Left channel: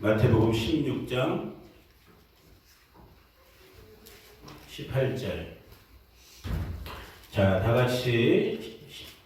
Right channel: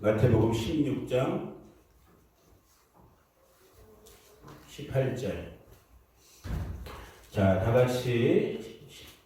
마태복음 16장 18절. 자, 다 같이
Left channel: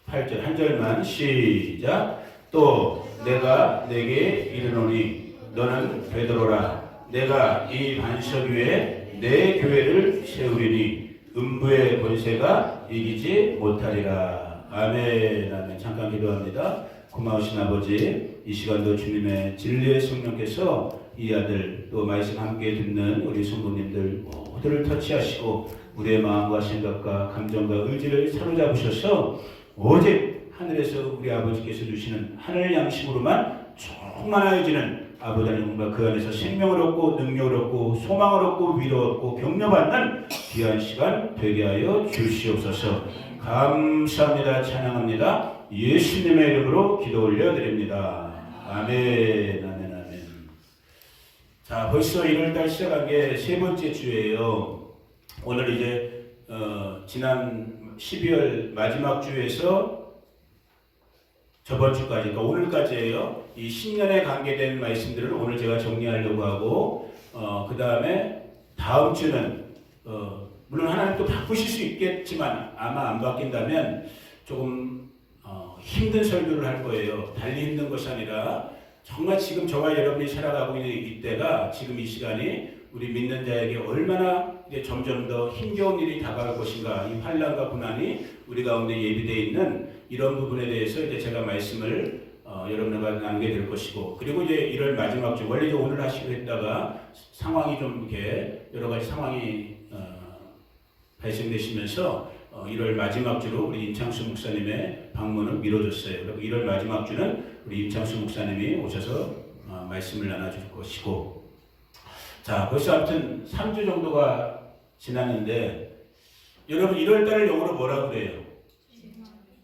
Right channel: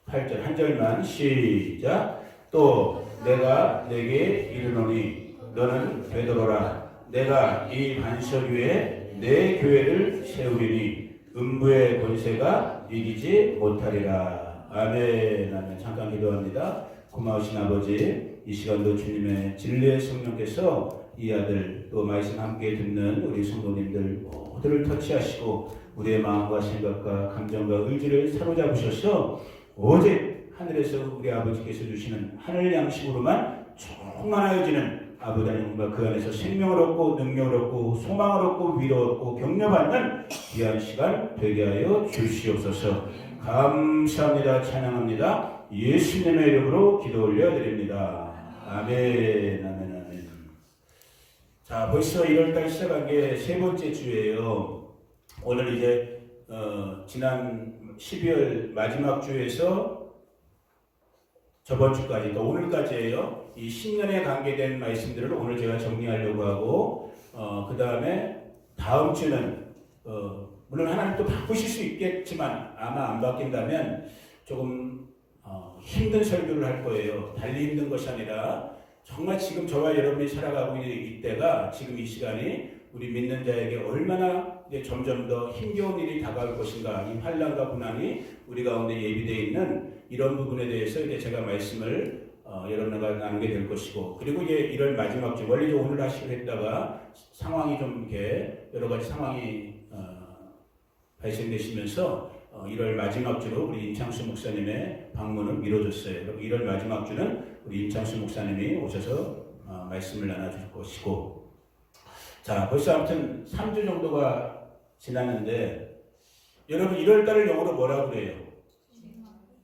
18절 한 절만 시작. 또 내가 내게 이르노니 너는 베드로라. 내가 이 반석 위에 내 교회를 세우리니 음부의 권세가 이기지 못하리라. 아멘. 아멘. 잠깐 기도합니다. 고마우신 아버지, 이 시간도 주님의 진리의 성령께서 이 아들 또 말씀 함께 듣는 우리 성도님들 모두를 터치하시고 우리의 마음과 생각과 감정과 의지를 사로잡으셔서 오직 하늘에서 우리 아버지께서 주시는 하늘 양식으로만 충만하여지는 아버지 하나님과 그 안에서 생명을 얻고 능력을 얻고 소망을 얻고 위로 얻고 격려받는 귀한 시간 되게 하여 주시옵소서. 감사합니다. 찬양합니다. 예수님의 이름으로 기도 올려드립니다. 아멘. 아멘. 아멘. 자, 벌써 1월달 시작한 게 세 번째 주예요. 오늘 이제 지난 12월 마지막 주에서 저번 주까지, 그러니까 오늘까지예요. 이 신년에 관계된 말씀들을 오늘 제가 정리하려고 하고, 그 다음에 다음 주는 물론 하나님 또 바꾸실 수 있겠지만 아마 안 바뀐다면 조금 힘든 설교를 할 거예요. 달리 힘든 것이 아니라 정말 지금 저와 여러분이 살아가고 있는 이때가 지금 이 시간이 우리 믿는 자에게 얼마나 이제 점점 더 힘겨운 일이 다가올 것인가, 이 환난과 고난이 우리 가운데 예비되어 있는 이런 부분에 대해서 이제 제가 말씀을 여러분과 나누게 될 것이고, 그리고 이제 1월 마지막 주, 원래 오늘 하시기로 했다가 상황이 좀 이렇게 여러 가지 상황이 발생되시면서 1월 마지막 주로 우리 임창수 목사님의 방문을 미뤄졌어요. 그리고 1월 마지막 주는 우리 임창수 목사님이 오셔서 말씀을 나눠줄 것이고, 자, 벌써 아무튼 3주 정도가 지났는데, 여러분 1월달을 영어로 뭐라고 그래요?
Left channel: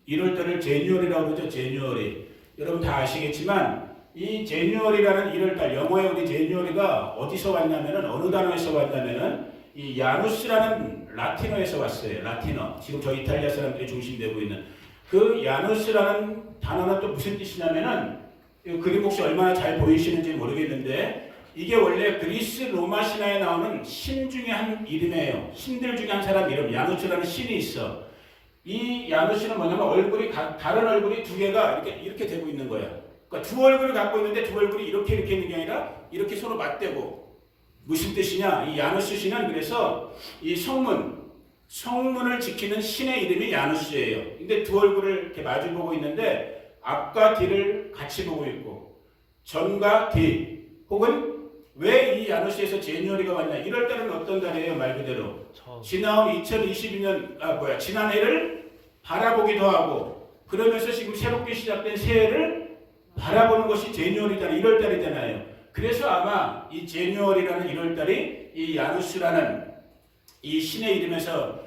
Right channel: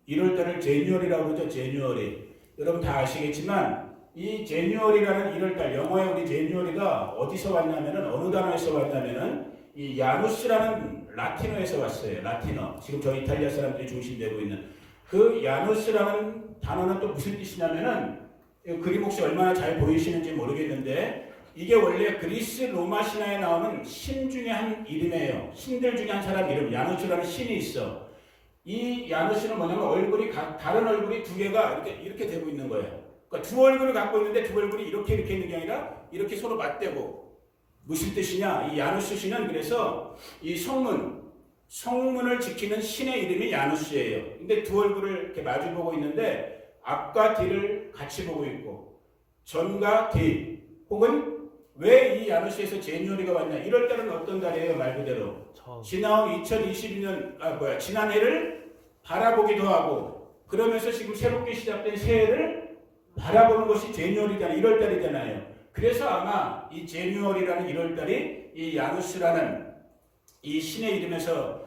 1월달을 제뉴얼이라고 그러죠. 제뉴얼이. 여러분 다 아시겠지만 이 제뉴얼이라는 1월달, 영어에 우리 제뉴얼이가 어디서 왔냐면은, 어느 단어에서 왔냐면은 이 야누스라는 라틴어에서 왔어요. 라틴어. 지금 저 이탈리아 사람들이 중심되고 있는 그 야누스라는 단어는 또 무슨 뜻이냐면은, 그림 혹시 얼마나 잘 보이시는지 모르겠는데, 이게 원래 그리스 로마 신화에 나오는 신 중에 한 이름이에요. 신들 중에 한 사람 이름, 야누스라는 신이 있어. 이 야누스는 뭐냐면 얼굴이 다른 얼굴이 두 개가 이렇게 되고 있는 거예요. 그러니까 두 얼굴을 갖고 있는데 두 얼굴이 이렇게 있는 게 아니라 이렇게 서로 맞대고. 무슨 뜻이냐? 이 야누스 신은 그래서 이 성문을 지키는 신의 이름이 야누스예요. 근데 두 얼굴을 이렇게 마주 보고 있는데 앞과 뒤를 같이 보고 있고, 전과 뒤, 혹은 왜 이 야누스에서 제뉴얼이가 왔냐? 1월달은 어떤 달이에요? 말 그대로 지나온 2022년 지난해를 바라보기도 하고, 그러면서 지금 새롭게 시작된 새해를 바라보는 것이 제뉴얼이잖아요. 1월달이잖아요. 그래서 아마 이 제뉴얼이라는 1월달이 이 야누스라는 이 신의 이름에서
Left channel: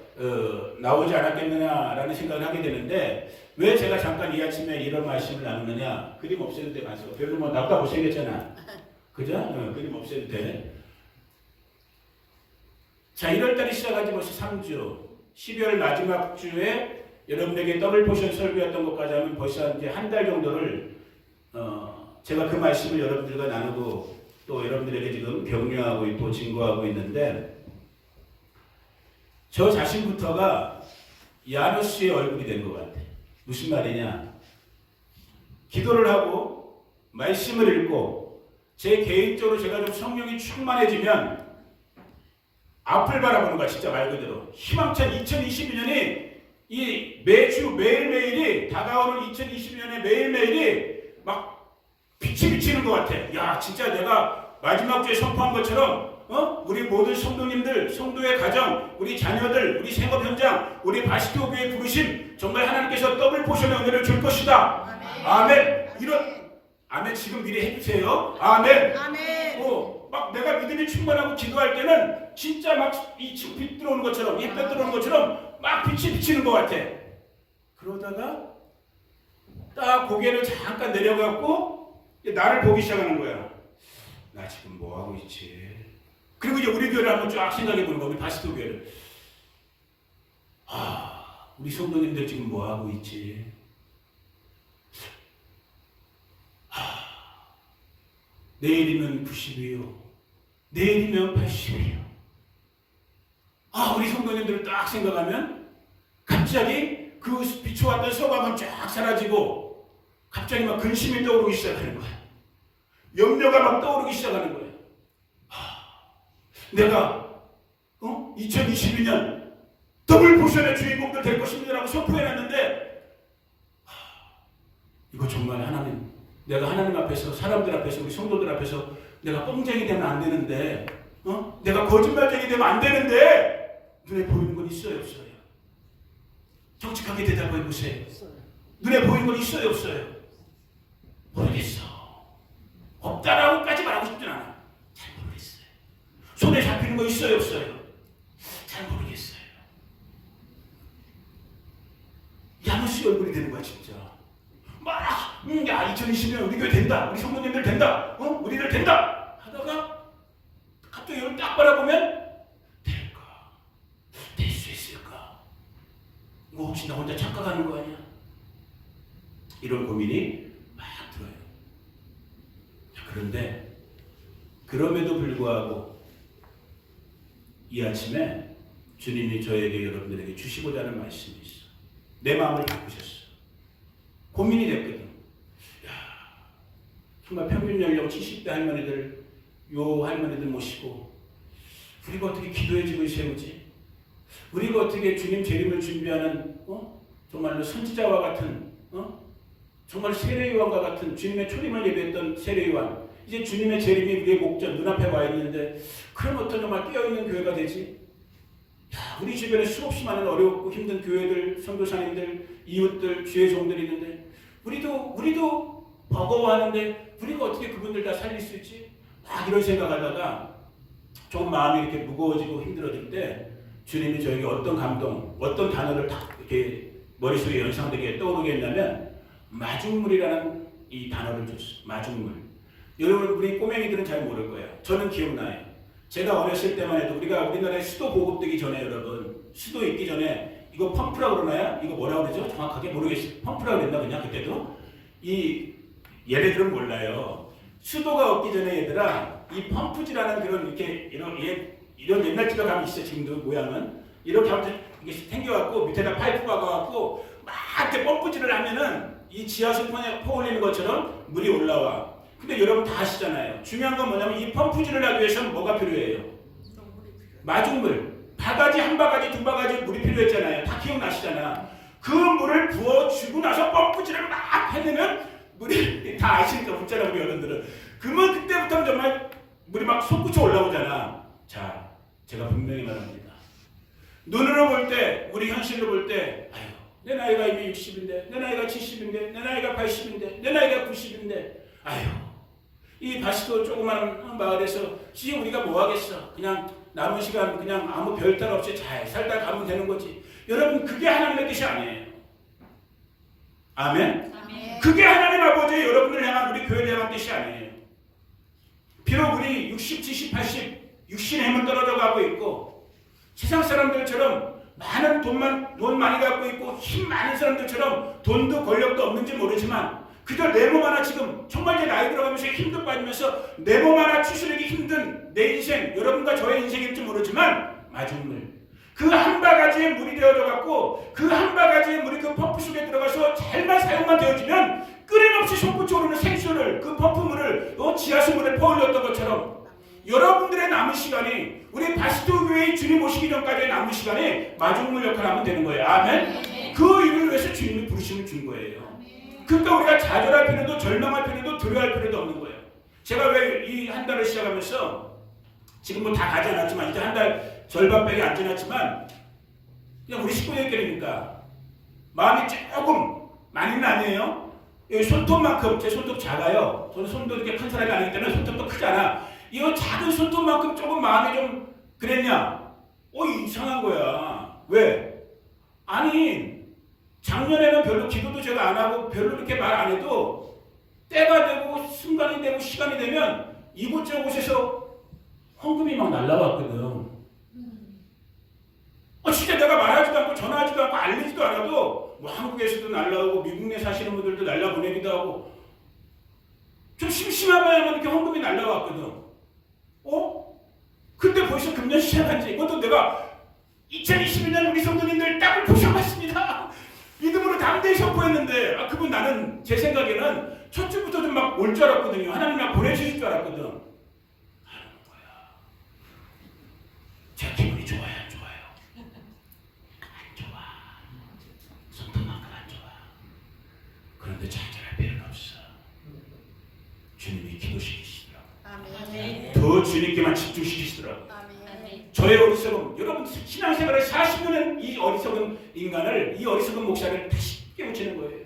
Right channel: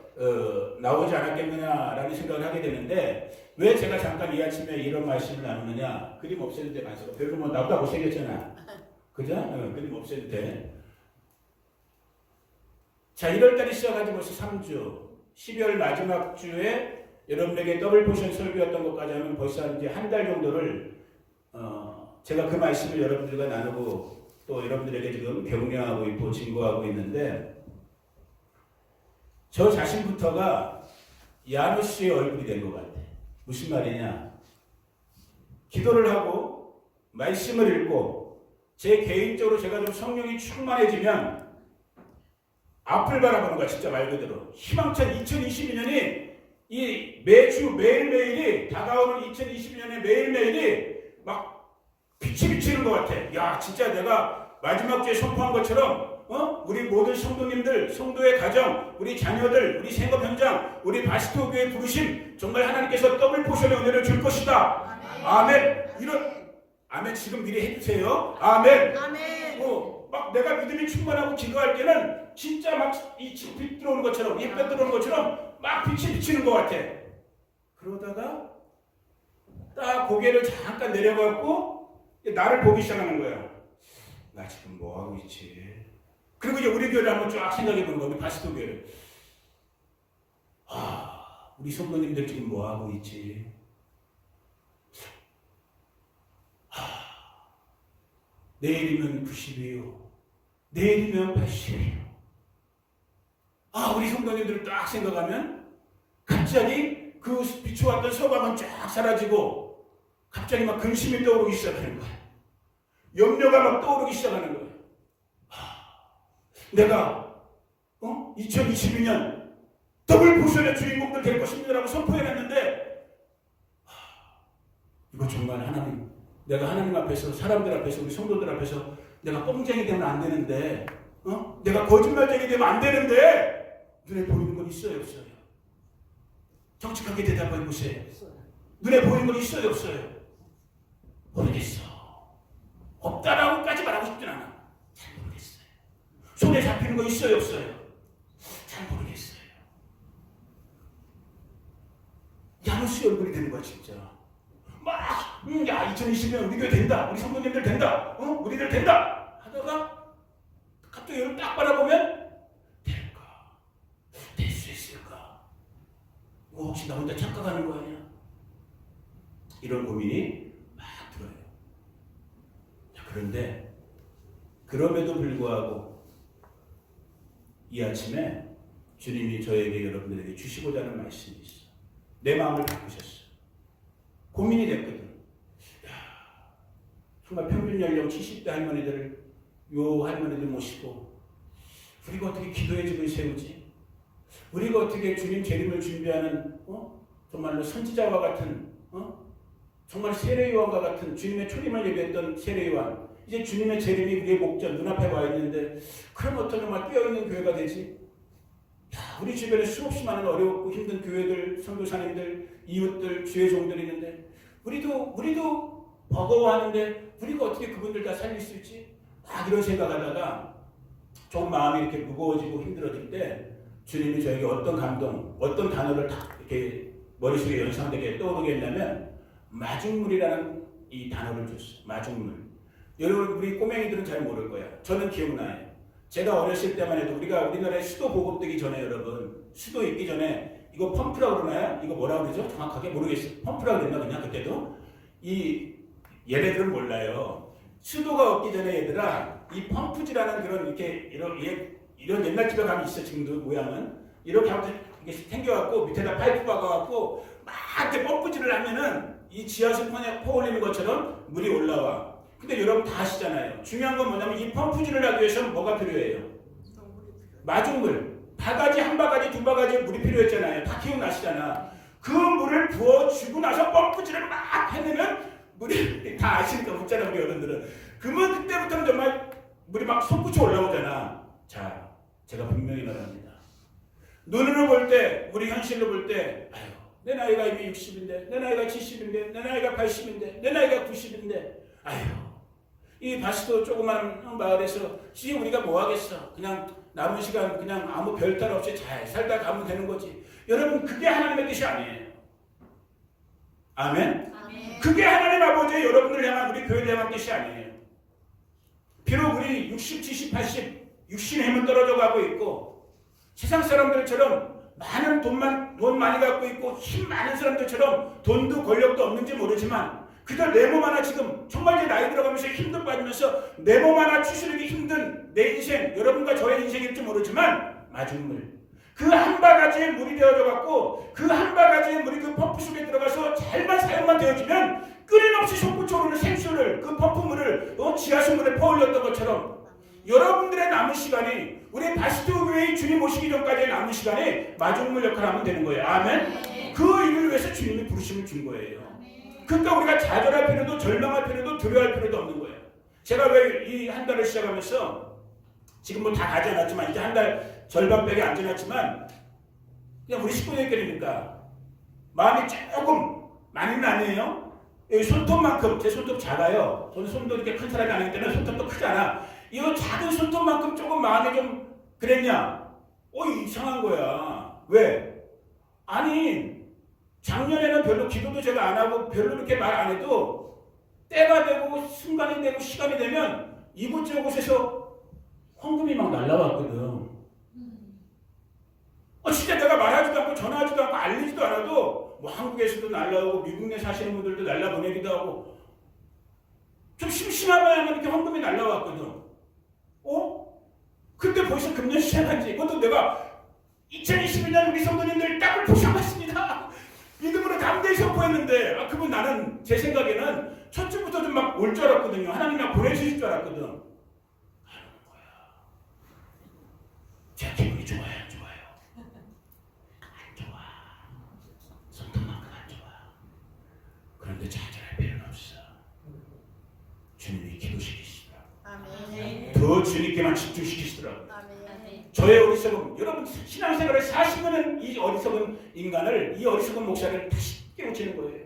나오지 않았겠느냐라는 생각을 하게 되는데, 왜 제가 잠깐 이 아침에 이런 말씀을 나누느냐? 그림 없애도 돼, 만서가. 별로 뭐 나보다 못생겼잖아. 그죠? 그림 없애도 돼. 자, 1월달이 시작한 지 벌써 3주. 12월 마지막 주에 여러분에게 더블 포션 설교였던 것까지 하면 벌써 이제 한 달 정도를 제가 그 말씀을 여러분들과 나누고 또 여러분들에게 지금 격려하고 있고 증거하고 있는데, 저 자신부터가 야누스의 얼굴이 된 것 같아. 무슨 말이냐? 기도를 하고 말씀을 읽고 제 개인적으로 제가 좀 성령이 충만해지면 앞을 바라보는 거야. 진짜 말 그대로 희망찬 2022년이 이 매주 매일매일이 다가오는 2022년의 매일매일이 막 빛이 비치는 것 같아. 야, 진짜 내가 마지막 주에 선포한 것처럼 우리 모든 성도님들, 성도의 가정, 우리 자녀들, 우리 생업 현장, 우리 바시토 교회 부르심, 정말 하나님께서 더블 포션의 은혜를 줄 것이다. 아멘. 이런 아멘 지금 미리 해주세요. 아멘. 아멘. 막 내가 믿음이 충만하고 기도할 때는 진짜 막 이 지금 빛 들어오는 것처럼, 햇볕 들어오는 것처럼 막 빛이 비치는 것 같아. 그러다가 딱 고개를 잠깐 내려갖고 나를 보기 시작하는 거야. 나 지금 뭐 하고 있지? 그리고 이제 우리 교회를 한번 쫙 생각해 보는 거야. 우리 바시토 교회를. 우리 성도님들 지금 뭐 하고 있지? 내일이면 90이요. 내일이면 80이요. 아, 우리 성도님들을 딱 생각하면 갑자기 그 비춰왔던 소감은 쫙 사라지고 갑자기 막 근심이 떠오르기 시작하는 거예요. 염려가 막 떠오르기 시작하는 거예요. 내가 2022년 더블 포션의 주인공들 될 것입니다라고 선포해놨는데 이거 정말 하나님, 내가 하나님 앞에서, 사람들 앞에서, 우리 성도들 앞에서 내가 뻥쟁이 되면 안 되는데, 내가 거짓말쟁이 되면 안 되는데 눈에 보이는 건 있어요, 없어요? 정직하게 대답해 보세요. 눈에 보이는 건 있어요, 없어요? 모르겠어. 없다라고까지 말하고 싶진 않아. 잘 모르겠어요. 손에 잡히는 거 있어요, 없어요? 잘 모르겠어요. 야노스 얼굴이 되는 거야, 진짜. 야, 2020년 우리 교회 된다. 우리 성도님들 된다. 우리들 된다. 하다가 갑자기 여러분 딱 바라보면 될까? 될 수 있을까? 뭐 혹시 나 혼자 착각하는 거 아니야? 이런 고민이 막 들어요. 자, 그런데 그럼에도 불구하고 이 아침에 주님이 저에게, 여러분들에게 주시고자 하는 말씀이 있어. 내 마음을 바꾸셨어. 고민이 됐거든. 정말 평균 연령 70대 할머니들, 요 할머니들 모시고 우리가 어떻게 기도의 집을 세우지? 우리가 어떻게 주님 재림을 준비하는 정말로 선지자와 같은 정말 세례요한과 같은 주님의 초림을 예배했던 세례요한, 이제 주님의 재림이 우리의 목전 눈앞에 와 있는데 그런 어떤 정말 깨어있는 교회가 되지? 우리 주변에 수없이 많은 어렵고 힘든 교회들, 선교사님들, 이웃들, 주의 종들이 있는데 우리도 버거워하는데 우리가 어떻게 그분들 다 살릴 수 있지? 막 이런 생각하다가 조금 마음이 이렇게 무거워지고 힘들어질 때 주님이 저에게 어떤 감동, 어떤 단어를 딱 이렇게 머릿속에 연상되게 떠오르게 했냐면 마중물이라는 이 단어를 줬어요. 마중물. 여러분, 우리 꼬맹이들은 잘 모를 거예요. 저는 기억나요. 제가 어렸을 때만 해도 우리나라에 수도 보급되기 전에, 여러분, 수도 있기 전에 이거 펌프라고 그러나요? 이거 뭐라고 그러죠? 정확하게 모르겠어요. 펌프라고 그랬나 그냥 그때도? 얘네들은 몰라요. 수도가 없기 전에 얘들아, 이 펌프지라는 그런 이런 옛날 집에 가면 있어. 지금도 모양은 이렇게 하면 이게 생겨갖고 밑에다 파이프 박아갖고 막 이렇게 펌프질을 하면은 이 지하수 퍼 올리는 것처럼 물이 올라와. 근데 여러분 다 아시잖아요. 중요한 건 뭐냐면 이 펌프질을 하기 위해서는 뭐가 필요해요? 마중물. 바가지 한 바가지 두 바가지 물이 필요했잖아요. 다 기억나시잖아. 그 물을 부어주고 나서 펌프질을 막 해내면 물이 다 아시니까 웃잖아, 우리 어른들은. 그러면 그때부터는 정말 물이 막 솟구쳐 올라오잖아. 자, 제가 분명히 말합니다. 눈으로 볼 때, 우리 현실로 볼 때, 아유, 내 나이가 이미 60인데, 내 나이가 70인데, 내 나이가 80인데, 내 나이가 90인데, 아유, 이 바시도 조그만 마을에서 지금 우리가 뭐 하겠어? 그냥 남은 시간 그냥 아무 별탈 없이 잘 살다 가면 되는 거지. 여러분, 그게 하나님의 뜻이 아니에요. 아멘? 아멘. 그게 하나님 아버지의 여러분을 향한, 우리 교회를 향한 뜻이 아니에요. 비록 우리 60, 70, 80, 육신의 힘은 떨어져 가고 있고 세상 사람들처럼 많은 돈 많이 갖고 있고 힘 많은 사람들처럼 돈도 권력도 없는지 모르지만 그저 내 몸 하나 지금 정말 이제 나이 들어가면서 힘도 빠지면서 내 몸 하나 추스르기 힘든 내 인생, 여러분과 저의 인생일지 모르지만 마중물, 그 한 바가지의 물이 되어져 갖고 그 한 바가지의 물이 그 펌프 속에 들어가서 잘만 사용만 되어지면 끊임없이 솟구쳐 오르는 생수를, 그 펌프물을 지하수물에 퍼올렸던 것처럼 여러분들의 남은 시간이, 우리 바시도 교회의 주님 오시기 전까지의 남은 시간이 마중물 역할을 하면 되는 거예요. 아멘. 그 일을 위해서 주님이 부르심을 준 거예요. 그러니까 우리가 좌절할 필요도, 절망할 필요도, 두려워할 필요도 없는 거예요. 제가 왜 이 한 달을 시작하면서 지금 뭐 다 가지 않았지만 이제 한 달 절반밖에 안 지났지만 그냥 우리 식구들끼리니까 마음이 조금, 많이는 아니에요. 손톱만큼, 제 손톱 작아요. 저는 손도 이렇게 큰 사람이 아니기 때문에 손톱도 크잖아. 이 작은 손톱만큼 조금 마음이 좀 그랬냐? 이상한 거야. 왜? 아니, 작년에는 별로 기도도 제가 안 하고 별로 이렇게 말 안 해도 때가 되고 순간이 되고 시간이 되면 이곳저곳에서 헌금이 막 날라왔거든. 진짜 내가 말하지도 않고 전화하지도 않고 알리지도 않아도 뭐 한국에서도 날라오고 미국 내 사시는 분들도 날라보내기도 하고 좀 심심하면 이렇게 헌금이 날라왔거든. 근데 벌써 금년 시작한지 이것도 내가 2022년 우리 성도님들 땅을 부셔봤습니다. 믿음으로 담대히 선포했는데 그분 나는 제 생각에는 첫 주부터 좀 막 올 줄 알았거든요. 하나님 막 보내주실 줄 알았거든. 안 오는 거야. 제 기분이 좋아요, 안 좋아요? 안 좋아. 손톱만큼 안 좋아. 그런데 좌절할 필요는 없어. 주님이 기도시키시더라고. 아멘. 더 주님께만 집중시키시더라고. 아멘. 저의 어리석음, 여러분 신앙생활을 40년은 이 어리석은 인간을, 이 어리석은 목사를 다시 깨우치는 거예요.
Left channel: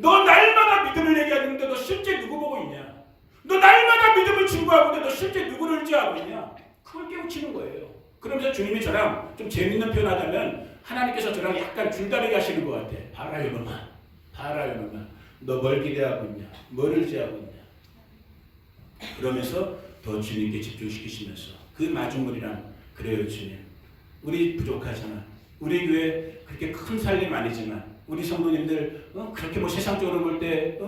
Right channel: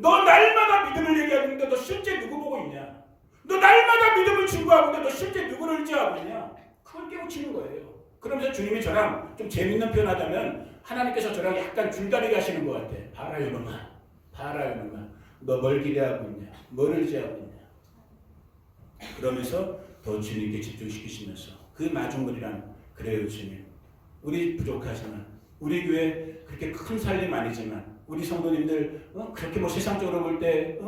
너 날마다 믿음을 얘기하는데 너 실제 누구 보고 있냐? 너 날마다 믿음을 증거하고 있는데 너 실제 누구를 의지하고 있냐? 그걸 깨우치는 거예요. 그러면서 주님이 저랑 좀 재밌는 표현 하자면 하나님께서 저랑 약간 줄다리기 하시는 것 같아. 봐라 이놈아, 봐라 이놈아, 너 뭘 기대하고 있냐? 뭘 의지하고 있냐? 그러면서 더 주님께 집중시키시면서 그 마중물이란 그래요 주님. 우리 부족하지만 우리 교회 그렇게 큰 살림 아니지만 우리 성도님들 그렇게 뭐 세상적으로 볼 때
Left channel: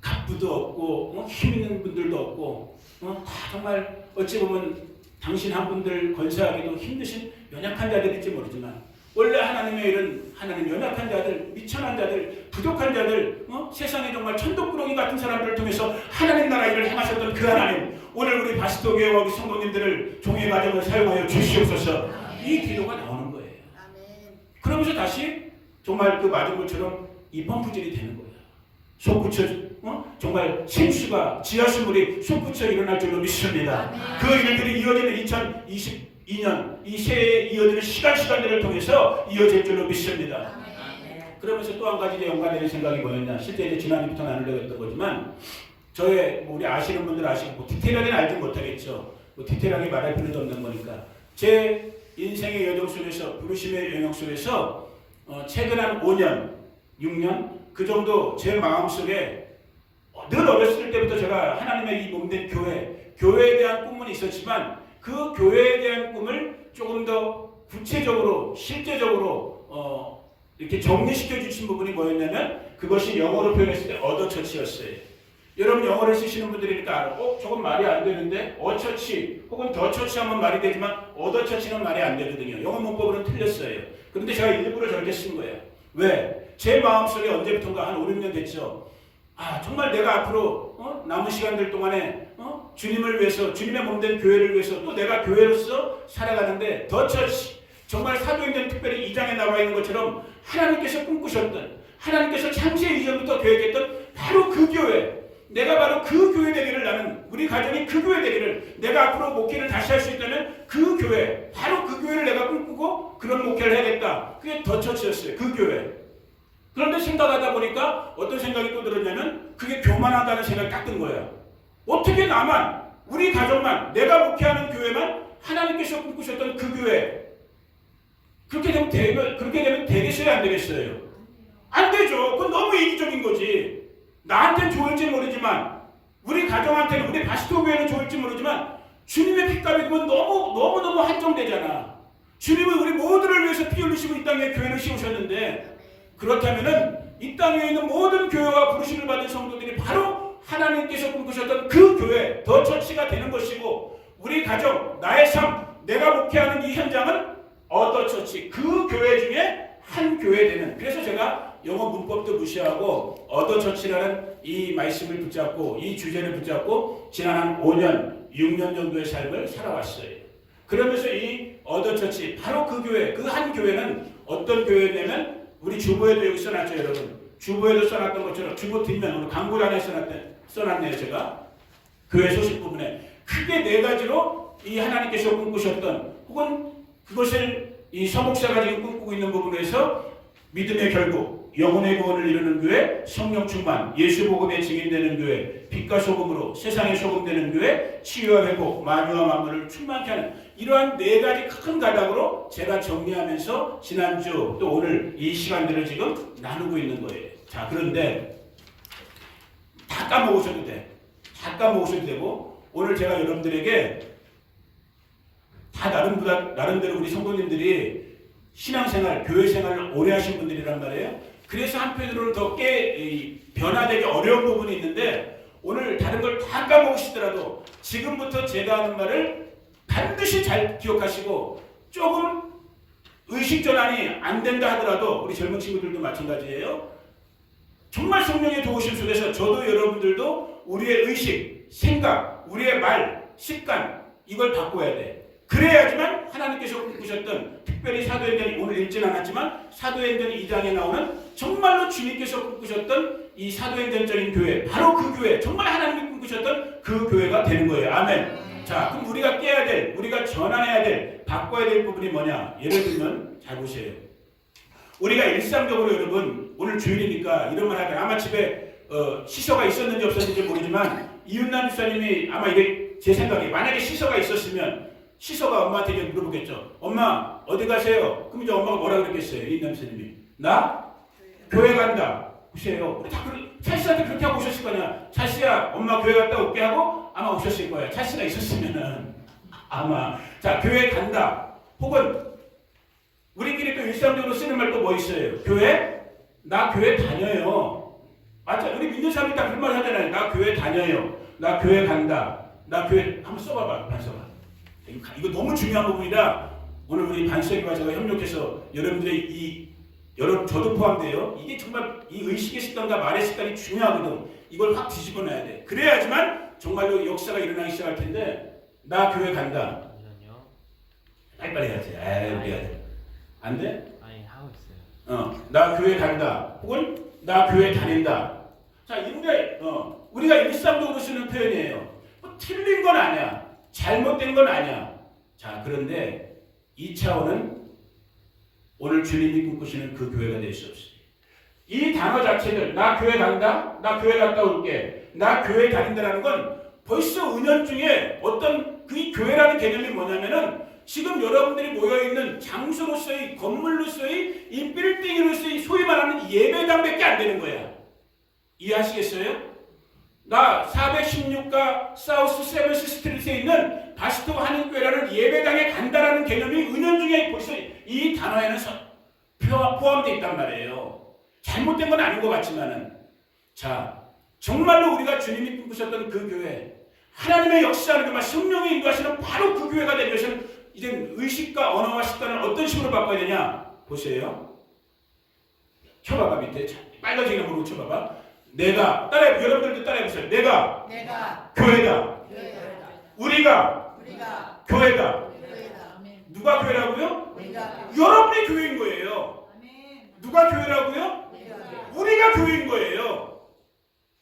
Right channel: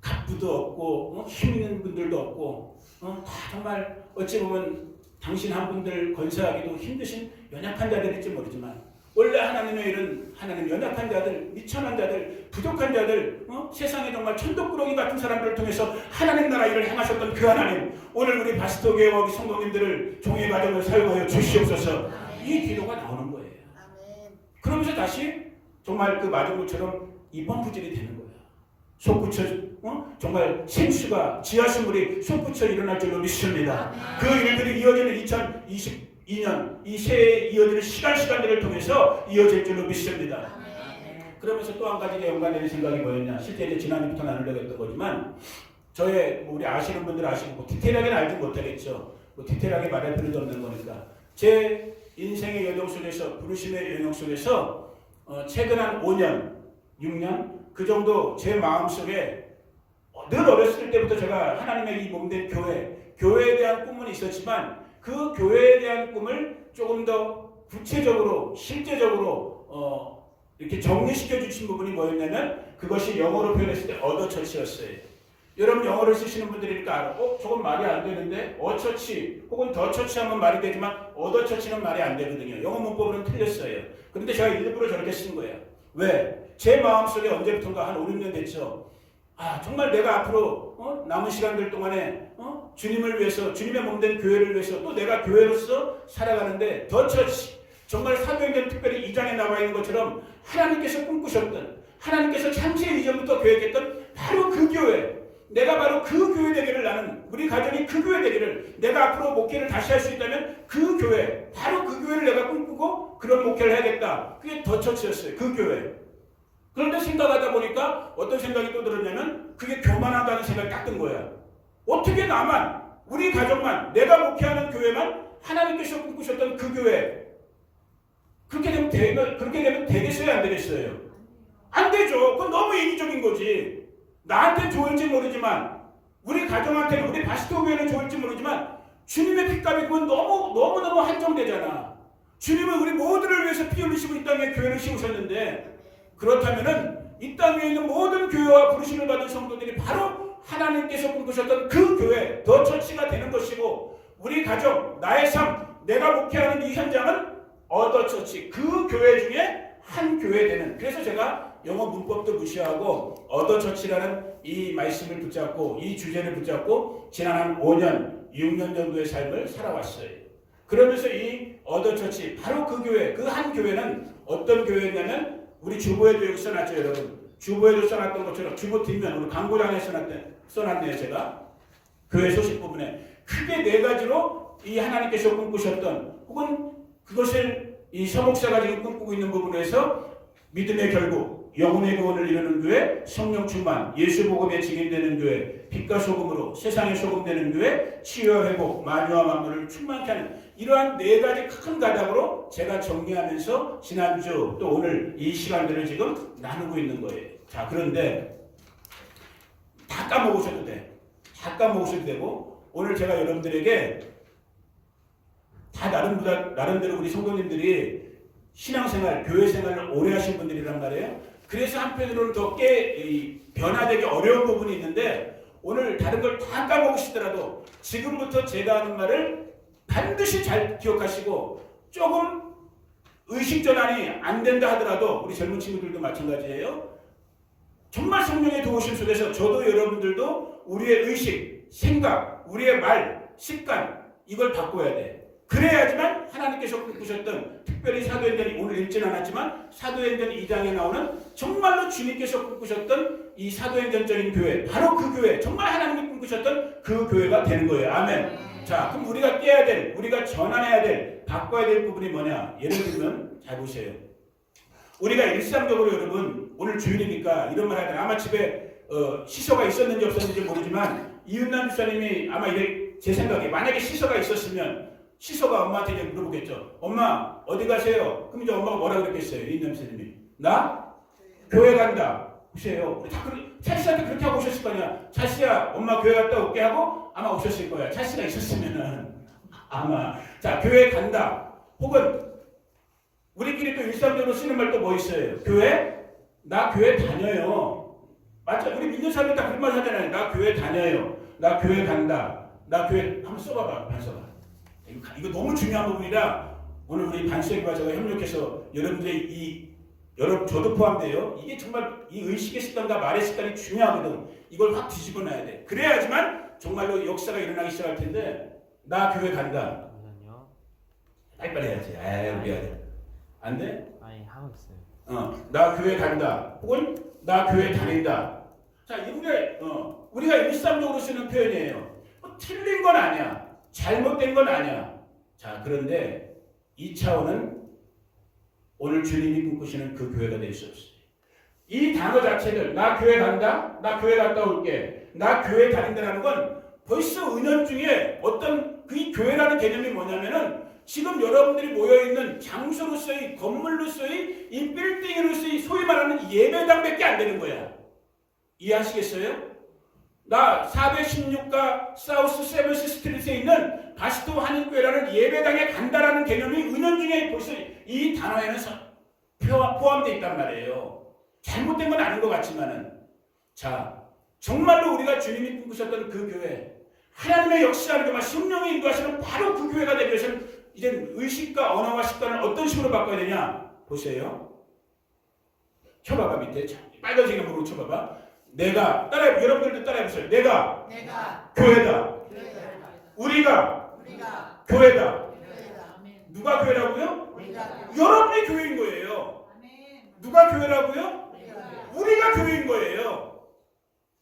갑부도 없고 힘 있는 분들도 없고 다 정말 어찌 보면 당신 한 분들 건사하기도 힘드신 연약한 자들일지 모르지만 원래 하나님의 일은 하나님 연약한 자들, 미천한 자들, 부족한 자들, 세상에 정말 천덕꾸러기 같은 사람들을 통해서 하나님 나라 일을 행하셨던 그 하나님, 오늘 우리 바스토교회와 우리 성도님들을 종의 가정을 사용하여 주시옵소서. 이 기도가 나오는 거예요. 그러면서 다시 정말 그 마중물처럼 이 펌프질이 되는 거야. 솟구쳐 정말 생수가 지하수물이 솟구쳐 일어날 줄로 믿습니다. 그 일들이 이어지는 2022년 이 새해에 이어지는 시간들을 통해서 이어질 줄로 믿습니다. 그러면서 또 한 가지 연관되는 생각이 뭐였냐? 실제 이제 지난주부터 나누려고 했던 거지만 저의 우리 아시는 분들 아시고 뭐 디테일하게는 알지 못하겠죠. 뭐 디테일하게 말할 필요도 없는 거니까 제 인생의 여정 속에서 부르심의 여정 속에서 최근 한 5년, 6년 그 정도 제 마음속에 늘 어렸을 때부터 제가 하나님의 이 몸된 교회에 대한 꿈은 있었지만 그 교회에 대한 꿈을 조금 더 구체적으로 실제적으로 이렇게 정리시켜 주신 부분이 뭐였냐면 그것이 영어로 표현했을 때 어더처치였어요. 여러분 영어를 쓰시는 분들이니까 알아. 저건 말이 안 되는데 어처치 혹은 더처치 하면 말이 되지만 어더처치는 말이 안 되거든요. 영어 문법으로는 틀렸어요. 그런데 제가 일부러 저렇게 쓴 거예요. 왜? 제 마음속에 언제부턴가 한 5, 6년 됐죠. 정말 내가 앞으로 남은 시간들 동안에 주님을 위해서 주님의 몸된 교회를 위해서 또 내가 교회로서 살아가는데 더처치 정말 사도행전 특별히 2장에 나와 있는 것처럼 하나님께서 꿈꾸셨던 하나님께서 창세 이전부터 계획했던 바로 그 교회 내가 바로 그 교회 되기를 나는 우리 가정이 그 교회 되기를 내가 앞으로 목회를 다시 할 수 있다면 그 교회 바로 그 교회를 내가 꿈꾸고 그런 목회를 해야겠다. 그게 더처치였어요. 그 교회. 그런데 생각하다 보니까 어떤 생각이 또 들었냐면 그게 교만하다는 생각이 딱 든 거야. 어떻게 나만 우리 가족만 내가 목회하는 교회만 하나님께서 꿈꾸셨던 그 교회 그렇게 되면 되겠어요 안 되겠어요? 안 되죠. 그건 너무 이기적인 거지. 나한테는 좋을지 모르지만 우리 가정한테는 우리 바스토 교회는 좋을지 모르지만 주님의 핏값이 그건 너무 한정되잖아. 주님은 우리 모두를 위해서 피 흘리시고 이 땅에 교회를 씌우셨는데 그렇다면은 이 땅에 있는 모든 교회와 부르심을 받은 성도들이 바로 하나님께서 꿈꾸셨던 그 교회 더 처치가 되는 것이고 우리 가정 나의 삶 내가 목회하는 이 현장은 어더 처치 그 교회 중에 한 교회 되는 그래서 제가 영어 문법도 무시하고 어더 처치라는 이 말씀을 붙잡고 이 주제를 붙잡고 지난 한 5년 6년 정도의 삶을 살아왔어요. 그러면서 이 어더 처치 바로 그 교회 그 한 교회는 어떤 교회냐면 우리 주보에도 여기 써놨죠 여러분. 주보에도 써놨던 것처럼 주보 뒷면 오늘 광고장에 써놨네요 제가. 교회 소식 부분에 크게 4가지로 이 하나님께서 꿈꾸셨던 혹은 그것을 이 서목사가 지금 꿈꾸고 있는 부분에서 믿음의 결국 영혼의 구원을 이루는 교회, 성령 충만, 예수 복음의 증인되는 교회, 빛과 소금으로 세상의 소금 되는 교회, 치유와 회복, 만유와 만물을 충만케 하는 이러한 4가지 큰 가닥으로 제가 정리하면서 지난주 또 오늘 이 시간들을 지금 나누고 있는 거예요. 자, 그런데 다 까먹으셔도 돼. 다 까먹으셔도 되고 오늘 제가 여러분들에게 다 나름대로 우리 성도님들이 신앙생활, 교회생활을 오래 하신 분들이란 말이에요. 그래서 한편으로는 더 변화되기 어려운 부분이 있는데 오늘 다른 걸 다 까먹으시더라도 지금부터 제가 하는 말을 반드시 잘 기억하시고 조금 의식 전환이 안 된다 하더라도 우리 젊은 친구들도 마찬가지예요. 정말 성령의 도우심 속에서 저도 여러분들도 우리의 의식, 생각, 우리의 말, 습관 이걸 바꿔야 돼. 그래야지만 하나님께서 꿈꾸셨던 특별히 사도행전이 오늘 읽진 않았지만 사도행전 2장에 나오는 정말로 주님께서 꿈꾸셨던 이 사도행전적인 교회 바로 그 교회 정말 하나님이 꿈꾸셨던 그 교회가 되는 거예요. 아멘. 자, 그럼 우리가 깨야 될, 우리가 전환해야 될, 바꿔야 될 부분이 뭐냐? 예를 들면 잘 보세요. 우리가 일상적으로 여러분 오늘 주일이니까 이런 말 하다 아마 집에 시소가 있었는지 없었는지 모르지만 이윤남 집사님이 아마 이게 제 생각에 만약에 시소가 있었으면 시소가 엄마한테 이제 물어보겠죠. 엄마 어디 가세요? 그럼 이제 엄마가 뭐라 그랬겠어요? 이윤남 집사님이 나 교회 간다. 보세요. 우리 다 찰스한테 그렇게 하고 오셨을 거냐? 찰스야 엄마 교회 갔다 올게 하고 아마 오셨을 거야. 찰스가 있었으면은 아마 자 교회 간다. 혹은 우리끼리 또 일상적으로 쓰는 말 또 뭐 있어요? 교회? 나 교회 다녀요. 맞죠? 우리 믿는 사람이 다 그런 말 하잖아요. 나 교회 다녀요. 나 교회 간다. 나 교회 한번 써봐봐. 반서봐. 이거 너무 중요한 부분이라 오늘 우리 반석이 과제가 협력해서 여러분들의 저도 포함돼요. 이게 정말 이 의식의 습관과 말의 습관이 중요하거든. 이걸 확 뒤집어놔야 돼. 그래야지만 정말로 역사가 일어나기 시작할 텐데 나 교회 간다. 빨리빨리 해야지. 우리 안 돼? 아니 하고 있어요. 나 교회 간다. 혹은 나 교회 다닌다. 자, 우리가 일상적으로 쓰는 표현이에요. 뭐 틀린 건 아니야. 잘못된 건 아니야. 자, 그런데 이 차원은 오늘 주님이 꿈꾸시는 그 교회가 될 수 없어요. 이 단어 자체를 나 교회 간다. 나 교회 갔다 올게. 나 교회 다닌다라는 건 벌써 은연중에 어떤 그 교회라는 개념이 뭐냐면은 지금 여러분들이 모여있는 장소로서의 건물로서의 이 빌딩으로서의 소위 말하는 예배당밖에 안 되는 거야. 이해하시겠어요? 나 416가 사우스 세븐스 스트리트에 있는 바스토 한인교회라는 예배당에 간다라는 개념이 은연중에 벌써 이 단어에는 포함되어 있단 말이에요. 잘못된 건 아닌 것 같지만은 자 정말로 우리가 주님이 꿈꾸셨던 그 교회 하나님의 역사를 정말 성령이 인도하시는 바로 그 교회가 되기 위해서는 이제 의식과 언어와 습관을 어떤 식으로 바꿔야 되냐? 보세요. 쳐봐봐 밑에 빨간색이나 모르고 쳐봐봐. 내가 여러분들도 따라해보세요. 내가 교회다. 우리가 교회다. 누가 교회라고요? 여러분이 교회인 거예요. 누가 교회라고요? 우리가 교회인 거예요.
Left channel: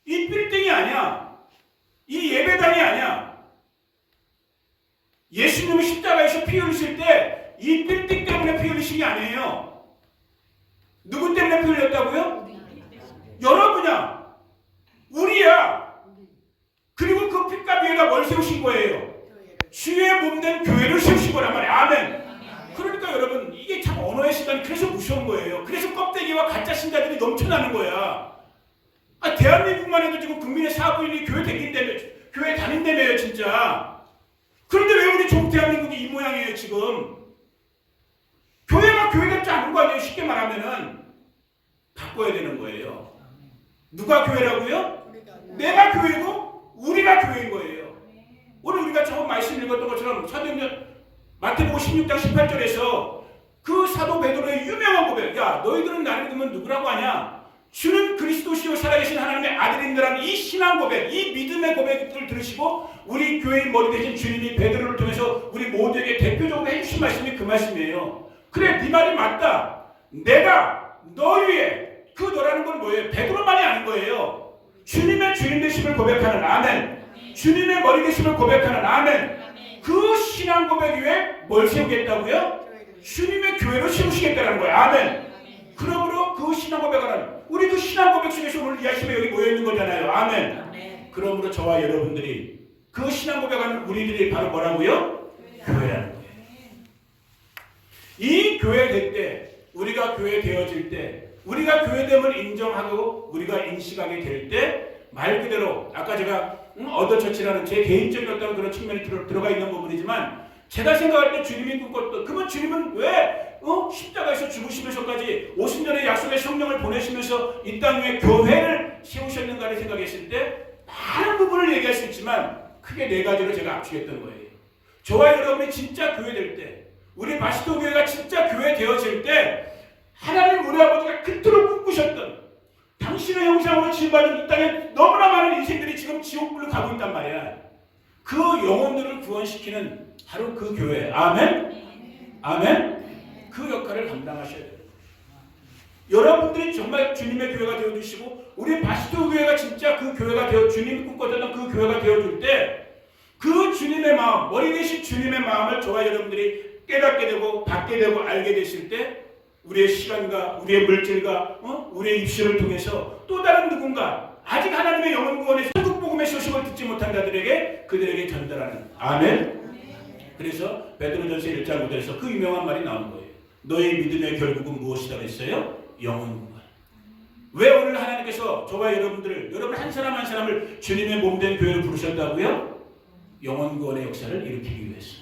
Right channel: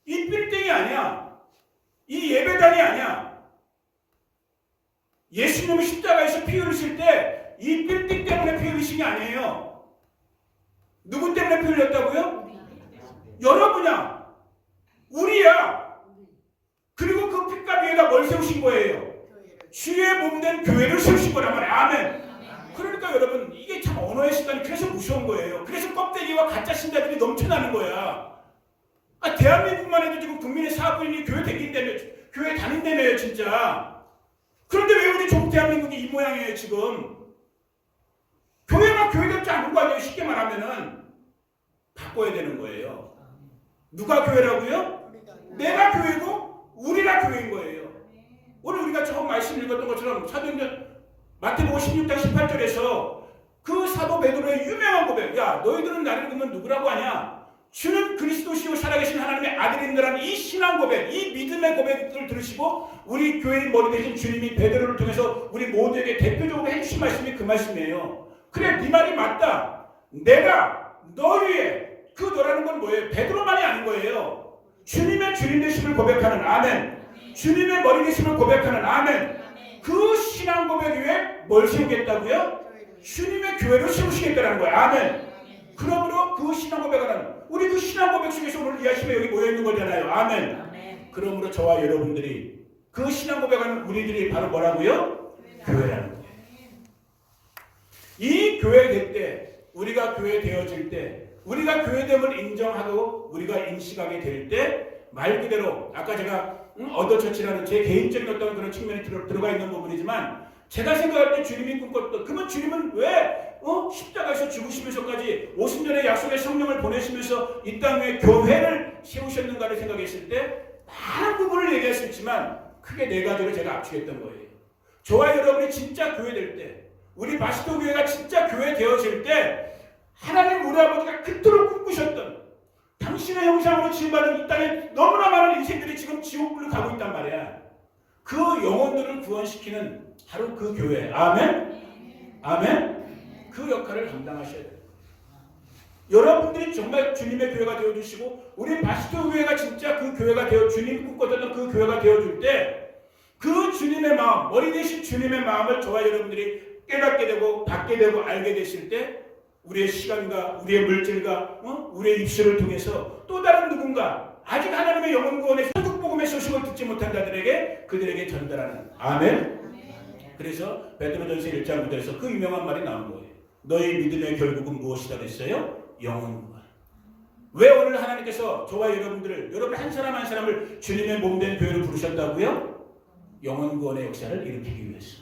이 빌딩이 아니야. 이 예배당이 아니야. 예수님은 십자가에서 피 흘리실 때 이 빌딩 때문에 피 흘리신 게 아니에요. 누구 때문에 피 흘렸다고요? 여러분이야. 우리야. 그리고 그 핏값 위에다 뭘 세우신 거예요? 주의 몸된 교회를 세우신 거란 말이에요. 아멘. 그러니까 여러분 이게 참 언어의 시간이 그래서 무서운 거예요. 그래서 껍데기와 가짜 신자들이 넘쳐나는 거야. 대한민국만 해도 지금 국민의 4분이 교회 다닌다며, 교회 다닌다며요 진짜. 그런데 왜 우리 종 대한민국이 이 모양이에요 지금? 교회가 교회답지 않은 거 아니에요? 쉽게 말하면은 바꿔야 되는 거예요. 누가 교회라고요? 내가 교회고 우리가 교회인 거예요. 오늘 우리가 처음 말씀 읽었던 것처럼 사도행전 마태복음 16장 18절에서 그 사도 베드로의 유명한 고백, 야 너희들은 나를 보면 누구라고 하냐? 주는 그리스도시요 살아계신 하나님의 아들인들라는 이 신앙 고백, 이 믿음의 고백을 들으시고 우리 교회의 머리 대신 주님이 베드로를 통해서 우리 모두에게 대표적으로 해주신 말씀이 그 말씀이에요. 그래 네 말이 맞다. 내가 너 위에 그 너라는 건 뭐예요? 베드로만이 아닌 거예요. 주님의 주인 되심을 고백하는 아멘. 주님의 머리 되심을 고백하는 아멘. 그 신앙 고백 위에 뭘 세우겠다고요? 주님의 교회를 세우시겠다는 거예요. 아멘. 그러므로 그 신앙 고백하는 우리 그 신앙 고백 속에서 오늘 이 아침에 여기 모여 있는 거잖아요. 아멘. 그러므로 저와 여러분들이 그 신앙 고백하는 우리들이 바로 뭐라고요? 교회라는 거예요. 이 교회 될 때, 우리가 교회 되어질 때, 우리가 교회됨을 인정하고 우리가 인식하게 될 때 말 그대로 아까 제가 어더처치라는 제 개인적인 어떤 그런 측면이 들어가 있는 부분이지만 제가 생각할 때 주님이 꿈꿨던 그러면 주님은 왜 십자가에서 죽으시면서까지 50년의 약속의 성령을 보내시면서 이 땅 위에 교회를 세우셨는가를 생각했을 때 많은 부분을 얘기할 수 있지만 크게 네 가지로 제가 압축했던 거예요. 저와 여러분이 진짜 교회 될 때, 우리 바시도 교회가 진짜 교회 되어질 때 하나님 우리 아버지가 그토록 꿈꾸셨던 당신의 형상으로 지음받은 이 땅에 너무나 많은 인생들이 지금 지옥불로 가고 있단 말이야. 그 영혼들을 구원시키는 바로 그 교회. 아멘? 아멘? 그 역할을 감당하셔야 돼요. 여러분들이 정말 주님의 교회가 되어주시고 우리 바시도 교회가 진짜 그 교회가 되어 주님이 꿈꿨던 그 교회가 되어줄 때 그 주님의 마음, 머리 대신 주님의 마음을 저와 여러분들이 깨닫게 되고 받게 되고 알게 되실 때 우리의 시간과 우리의 물질과 우리의 입술을 통해서 또 다른 누군가 아직 하나님의 영혼 구원의 천국복음의 소식을 듣지 못한 자들에게 그들에게 전달하는. 아멘. 그래서 베드로전서 1장 9절에서 그 유명한 말이 나온 거예요. 너희 믿음의 결국은 무엇이다 그랬어요? 영혼 구원. 왜 오늘 하나님께서 저와 여러분들을 여러분 한 사람 한 사람을 주님의 몸된 교회로 부르셨다고요? 영혼 구원의 역사를 일으키기 위해서.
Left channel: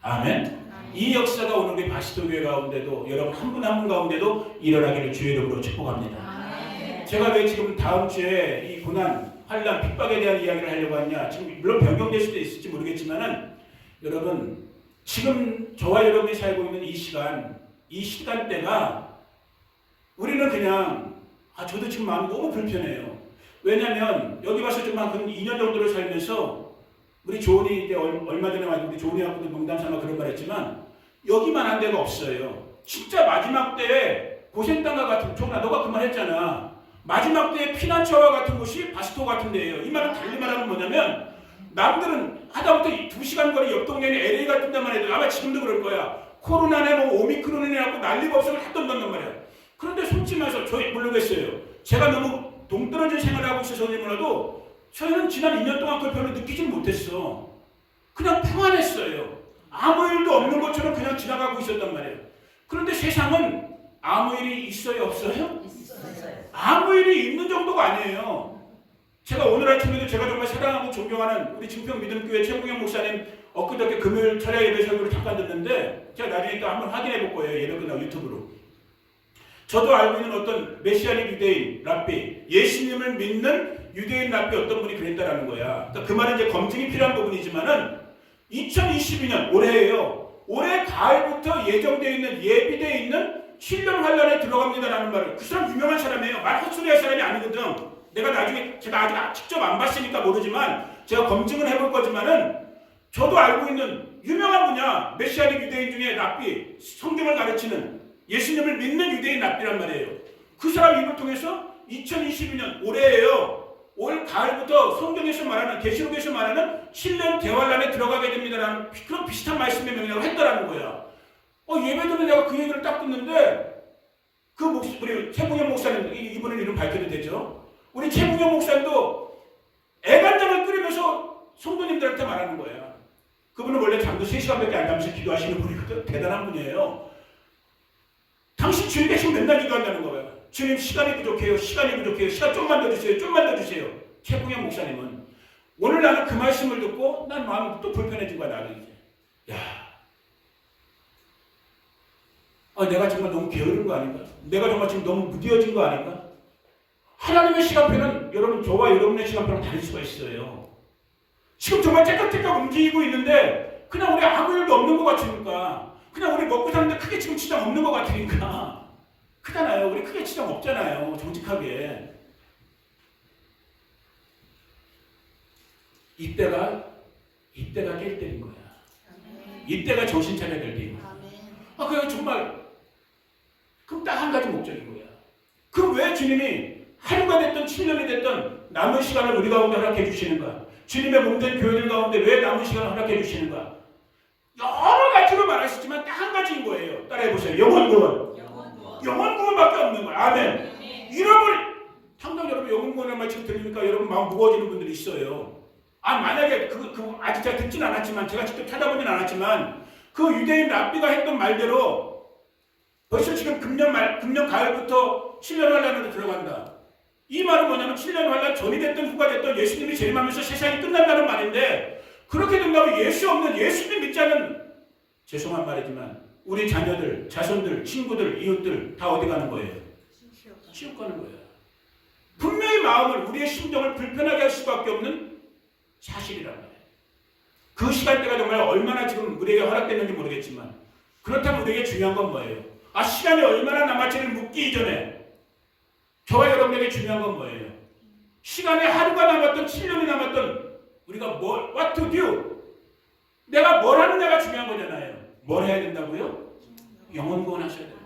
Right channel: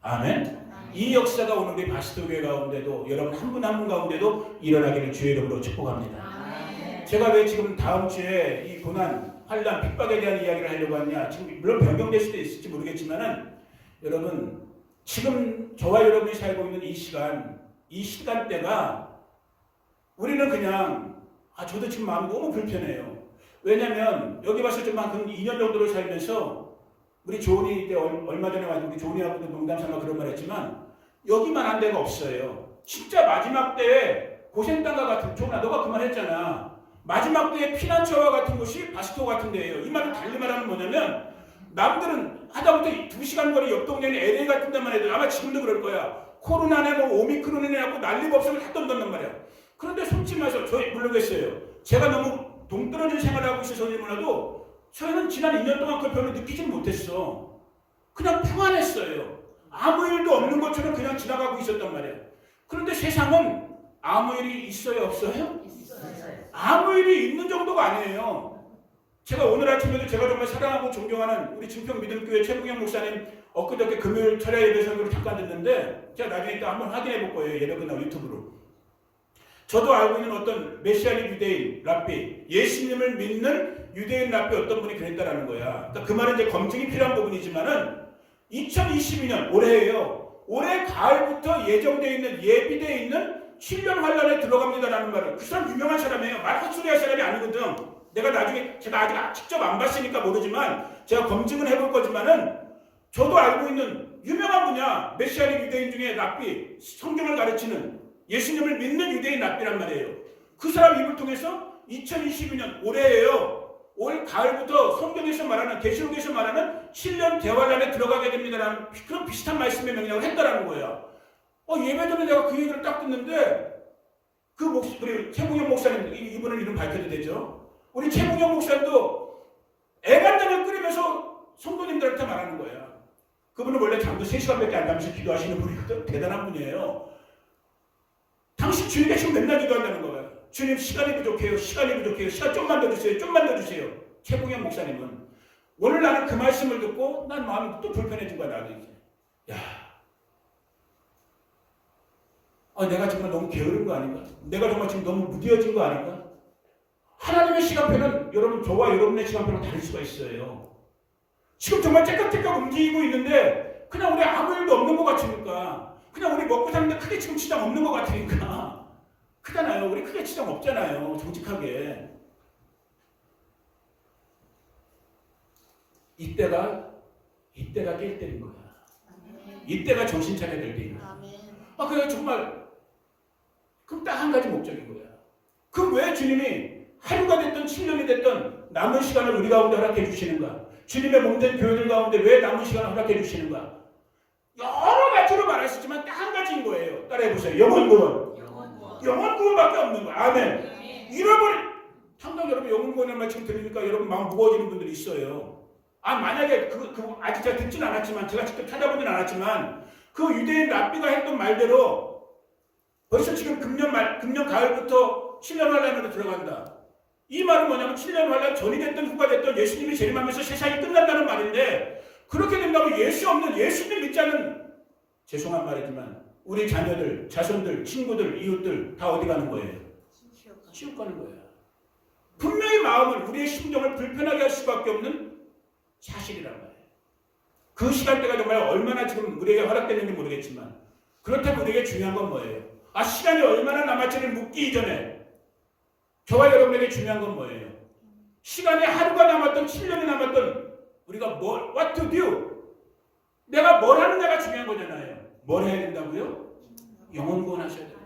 아멘. 이 역사가 오늘 우리 바시도 교회 가운데도 여러분 한 분 한 분 가운데도 일어나기를 주의 이름으로 축복합니다. 제가 왜 지금 다음 주에 이 고난, 환난, 핍박에 대한 이야기를 하려고 하냐? 지금 물론 변경될 수도 있을지 모르겠지만은 여러분 지금 저와 여러분이 살고 있는 이 시간대가 우리는 그냥 저도 지금 마음이 너무 불편해요. 왜냐하면 여기 와서 좀 한 2년 정도를 살면서 우리 조은이 때 얼마 전에 와서 우리 조은이하고도 농담 삼아 그런 말 했지만 여기만 한 데가 없어요. 진짜 마지막 때에 고생당과 같은 조은아 너가 그 말 했잖아. 마지막 때에 피난처와 같은 곳이 바시토 같은 데예요. 이 말은 달리 말하면 뭐냐면 남들은 하다못해 2시간 거리 옆 동네는 LA 같은 데만 해도 아마 지금도 그럴 거야. 코로나네 뭐 오미크론이네 갖고 난리법석을 다 던졌단 말이야. 그런데 솔직히 말해서 저희 모르겠어요. 제가 너무 동떨어진 생활을 하고 있어서 몰라도 저희는 지난 2년 동안 그걸 별로 느끼지 못했어. 그냥 평안했어요. 아무 일도 없는 것처럼 그냥 지나가고 있었단 말이에요. 그런데 세상은 아무 일이 있어요? 없어요? 있어요. 아무 일이 있는 정도가 아니에요. 제가 오늘 아침에도 제가 정말 사랑하고 존경하는 우리 증평 믿음교회 최봉영 목사님 엊그저께 금요일 철야 예배 설교를 잠깐 듣는데 제가 나중에 또 한번 확인해 볼 거예요. 예배 끝나고 유튜브로. 저도 알고 있는 어떤 메시아닉 유대인 랍비, 예수님을 믿는 유대인 랍비 어떤 분이 그랬다라는 거야. 그러니까 그 말은 이제 검증이 필요한 부분이지만은 2022년 올해예요. 올해 가을부터 예정되어 있는 예비되어 있는 7년 환란에 들어갑니다라는 말을 그 사람 유명한 사람이에요. 말 헛소리할 사람이 아니거든. 내가 나중에 제가 아직 직접 안 봤으니까 모르지만 제가 검증을 해볼 거지만은 저도 알고 있는 유명한 분야 메시아닉 유대인 중에 랍비 성경을 가르치는 예수님을 믿는 유대인 랍비란 말이에요. 그 사람 입을 통해서 2022년 올해예요. 올 가을부터 성경에서 말하는 계시록에서 말하는 7년 대환란에 들어가게 됩니다라는 그런 비슷한 말씀의 명령을 했다라는 거야. 예배 전에 내가 그 얘기를 딱 듣는데 우리 최봉영 목사님 이분은 이름 밝혀도 되죠? 우리 최봉영 목사님도 애간장을 끓이면서 성도님들한테 말하는 거야. 그분은 원래 잠도 3시간밖에 안 자면서 기도하시는 분이거든. 대단한 분이에요. 당신 주님 대신 맨날 기도한다는 거예요. 주님 시간이 부족해요. 시간 좀만 더 주세요. 좀만 더 주세요. 최봉영 목사님은 오늘 나는 그 말씀을 듣고 난 마음이 또 불편해진 거야. 나도 이제 내가 정말 너무 게으른 거 아닌가? 내가 정말 지금 너무 무뎌진 거 아닌가? 하나님의 시간표는 여러분 저와 여러분의 시간표는 다를 수가 있어요. 지금 정말 째깍째깍 움직이고 있는데 그냥 우리 아무 일도 없는 것 같으니까 그냥 우리 먹고 사는데 크게 지금 지장 없는 것 같으니까 크잖아요. 우리 크게 지장 없잖아요. 정직하게. 이때가 깰 때인 거야. 이때가 정신 차려야 될 때인 거야. 그냥 정말 그럼 딱 한 가지 목적인 거야. 그럼 왜 주님이 하루가 됐든 7년이 됐든 남은 시간을 우리 가운데 허락해 주시는가? 주님의 몸된 교회들 가운데 왜 남은 시간을 허락해 주시는가? 여러 가지로 말할 수 있지만 딱 한 가지인 거예요. 따라해 보세요. 영혼 구원. 영혼 구원밖에 없는 거야. 아멘. 잃어버린 당장 여러분 영혼 구원의 말 지금 들으니까 여러분 마음 무거워지는 분들이 있어요. 만약에 아직 제가 듣진 않았지만 제가 직접 찾아보진 않았지만 그 유대인 랍비가 했던 말대로 벌써 지금 금년 가을부터 7년 환란으로 들어간다. 이 말은 뭐냐면 7년 환란 전이 됐든 후가 됐든 예수님이 재림하면서 세상이 끝난다는 말인데 그렇게 된다면 예수님 믿지 않는 죄송한 말이지만 우리 자녀들, 자손들, 친구들, 이웃들 다 어디 가는 거예요? 지옥 가는 거예요. 분명히 마음을, 우리의 심정을 불편하게 할 수밖에 없는 사실이란 말이에요. 그 시간대가 정말 얼마나 지금 우리에게 허락됐는지 모르겠지만, 그렇다면 우리에게 중요한 건 뭐예요? 시간이 얼마나 남았지를 묻기 이전에 저와 여러분에게 중요한 건 뭐예요? 시간이 하루가 남았던 7년이 남았던 우리가 what to do? 내가 뭘 하느냐가 중요한 거잖아요. 뭘 해야 된다고요? 영혼 구원하셔야 돼요.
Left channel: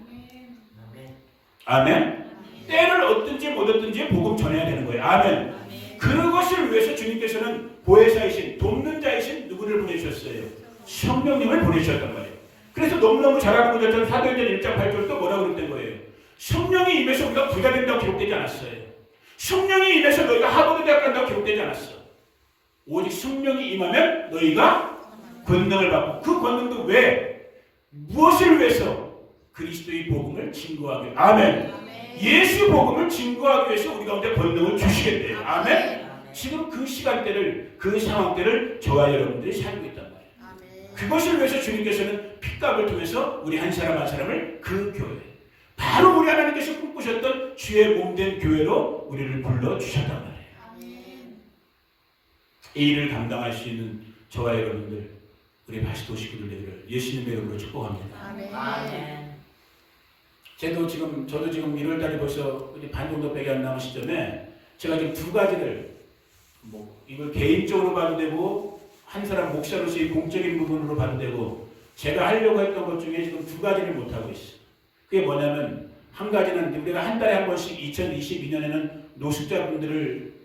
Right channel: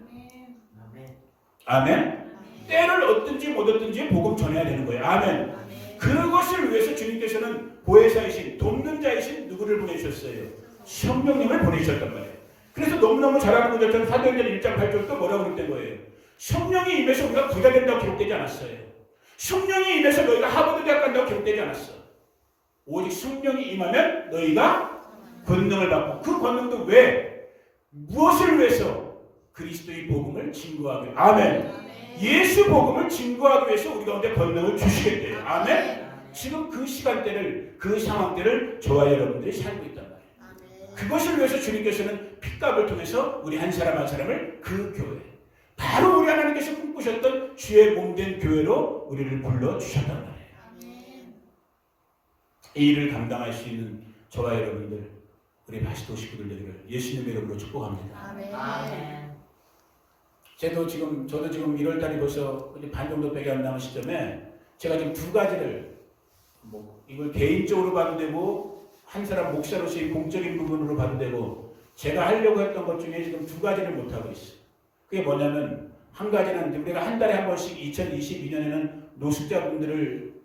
아멘. 때를 얻든지 못 얻든지 복음 전해야 되는 거예요. 아멘. 그것을 위해서 주님께서는 보혜사이신, 돕는 자이신 누구를 보내주셨어요? 성령님을 보내주셨단 말이에요. 그래서 너무너무 잘하는 것처럼 사도행전 1장 8절 또 뭐라고 그랬던 거예요? 성령이 임해서 우리가 부자 된다고 기록되지 않았어요. 성령이 임해서 너희가 하버드 대학 간다고 기록되지 않았어. 오직 성령이 임하면 너희가 권능을 받고, 그 권능도 왜? 무엇을 위해서? 그리스도의 복음을 증거하기 위해. 아멘. 예수 복음을 증거하기 위해서 우리 가운데 권능을 주시겠대요. 아멘. 지금 그 시간대를, 그 상황대를 저와 여러분들이 살고 있단 말이에요. 그것을 위해서 주님께서는 핏값을 통해서 우리 한 사람 한 사람을 그 교회, 바로 우리 하나님께서 꿈꾸셨던 주의 몸된 교회로 우리를 불러주셨단 말이에요. 이 일을 감당할 수 있는 저와 여러분들, 우리 바시도 식구들 되기를 예수님의 이름으로 축복합니다. 아멘. 저도 지금 1월달이 벌써 반 정도밖에 안 남은 시점에 제가 지금 두 가지를, 이걸 개인적으로 봐도 되고 한 사람 목사로서의 공적인 부분으로 봐도 되고, 제가 하려고 했던 것 중에 지금 두 가지를 못 하고 있어요. 그게 뭐냐면, 한 가지는 우리가 한 달에 한 번씩 2022년에는 노숙자분들을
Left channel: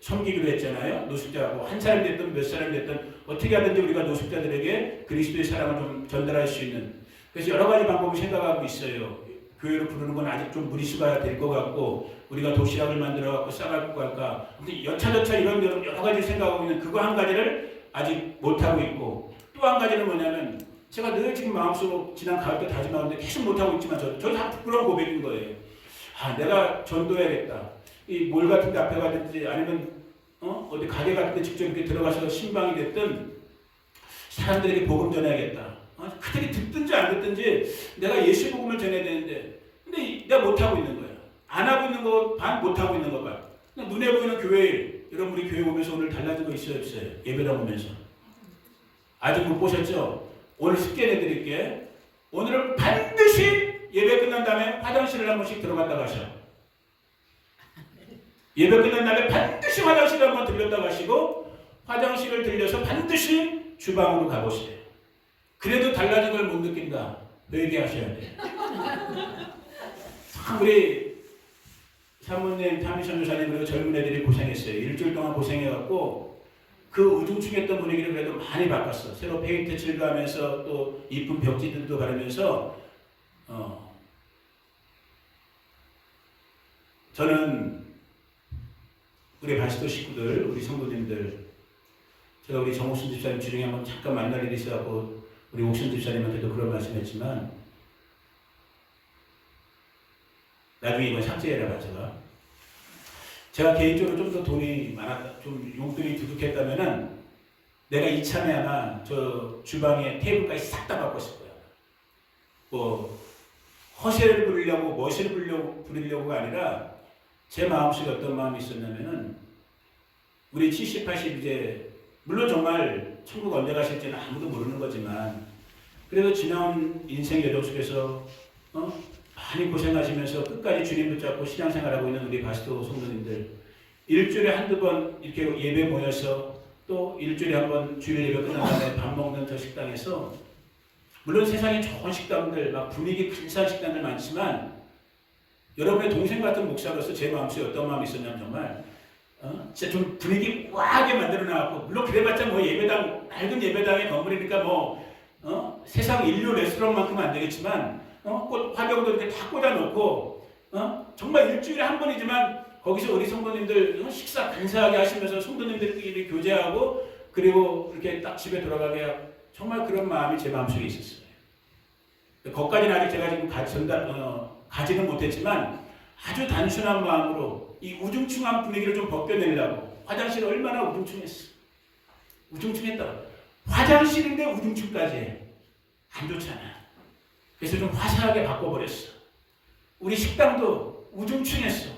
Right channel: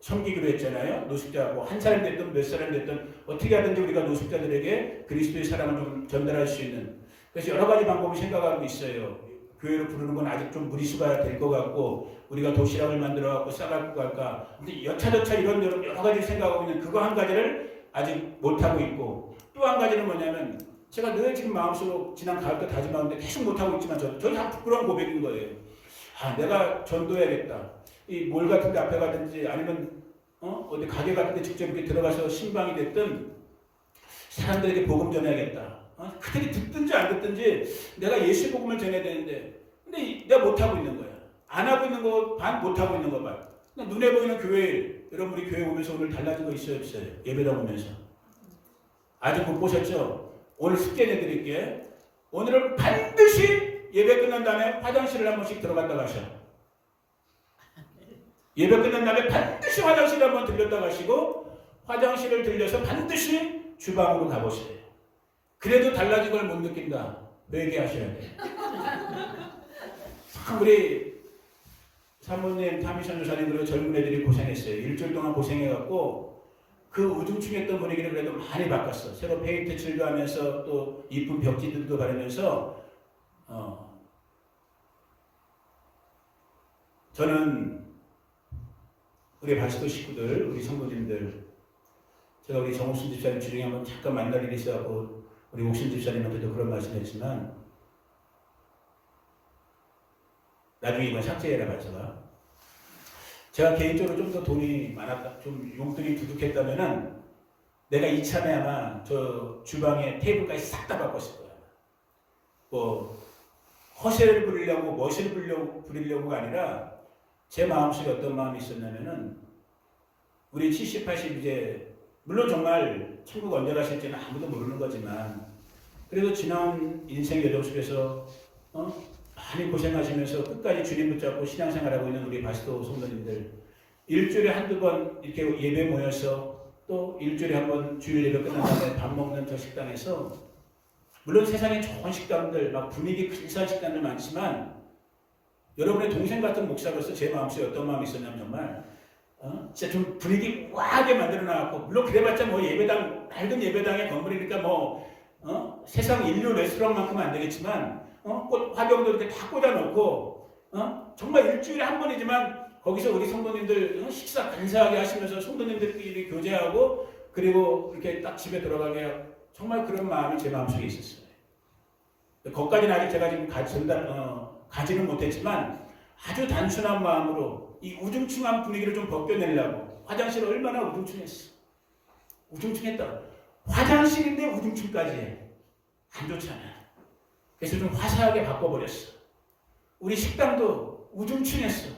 섬기기로 했잖아요. 노숙자고 한 사람 됐든 몇 사람 됐든 어떻게 하든지 우리가 노숙자들에게 그리스도의 사랑을 좀 전달할 수 있는, 그래서 여러 가지 방법을 생각하고 있어요. 교회로 부르는 건 아직 좀 무리수가 될 것 같고, 우리가 도시락을 만들어 갖고 싸갖고 갈까. 근데 여차저차 이런 여러 가지를 생각하고 있는 그거 한 가지를 아직 못 하고 있고, 또 한 가지는 뭐냐면, 제가 늘 지금 마음속으로 지난 가을 때 다짐하는데 계속 못 하고 있지만 저는 다 부끄러운 고백인 거예요. 내가 전도해야겠다. 이 몰 같은 데 앞에 가든지 아니면 어디 가게 같은 데 직접 이렇게 들어가서 신방이 됐든 사람들에게 복음 전해야겠다. 그들이 듣든지 안 듣든지 내가 예수 복음을 전해야 되는데, 근데 내가 못 하고 있는 거야. 안 하고 있는 거 반, 못 하고 있는 거 반. 눈에 보이는 교회, 여러분 우리 교회 오면서 오늘 달라진 거 있어요, 없어요? 예배당 오면서 아직 못 보셨죠? 오늘 숙제 내드릴게. 오늘은 반드시 예배 끝난 다음에 화장실을 한 번씩 들어갔다 가셔. 예배 끝난 다음에 반드시 화장실을 한번 들렸다 가시고, 화장실을 들려서 반드시 주방으로 가보세요. 그래도 달라진 걸 못 느낀다. 회개하셔야 돼. 참 우리 사모님, 타미션 교사님 그리고 젊은 애들이 고생했어요. 일주일 동안 고생해갖고 그 우중충했던 분위기를 그래도 많이 바꿨어. 새로 페인트 칠도 하면서 또 이쁜 벽지들도 바르면서 저는 우리 바시도 식구들, 우리 성도님들, 제가 우리 정옥순 집사님 주중에 한번 잠깐 만날 일이 있어갖고 우리 옥순 집사님한테도 그런 말씀했지만, 나중에 이건 삭제해라 가져가. 제가 개인적으로 좀 더 돈이 많았다, 좀 용돈이 두둑했다면은 내가 이참에 아마 저 주방에 테이블까지 싹 다 바꿨을 거야. 뭐 허세를 부리려고, 멋을 부리려고가 아니라 제 마음속에 어떤 마음이 있었냐면은, 우리 70, 80 이제 물론 정말 천국 언제 가실지는 아무도 모르는 거지만, 그래도 지나온 인생 여정 속에서 많이 고생하시면서 끝까지 주님 붙잡고 신앙생활하고 있는 우리 바시도 성도님들, 일주일에 한두 번 이렇게 예배 모여서 또 일주일에 한 번 주일 예배 끝난 다음에 밥 먹는 저 식당에서, 물론 세상에 좋은 식당들, 막 분위기 근사한 식당들 많지만, 여러분의 동생 같은 목사로서 제 마음속에 어떤 마음이 있었냐면, 정말 진짜 좀 분위기 우아하게 만들어 놔갖고, 물론 그래봤자 뭐 예배당, 낡은 예배당의 건물이니까 세상 인류 레스토랑만큼은 안 되겠지만, 꽃 화병도 이렇게 다 꽂아놓고, 정말 일주일에 한 번이지만 거기서 우리 성도님들 식사 근사하게 하시면서 성도님들끼리 교제하고, 그리고 이렇게 딱 집에 돌아가게, 정말 그런 마음이 제 마음속에 있었어요. 거기까지는 아직 제가 지금 가지는 못했지만, 아주 단순한 마음으로 이 우중충한 분위기를 좀 벗겨내려고. 화장실 얼마나 우중충했어. 우중충했다. 화장실인데 우중충까지 해. 안 좋잖아. 그래서 좀 화사하게 바꿔버렸어. 우리 식당도 우중충했어.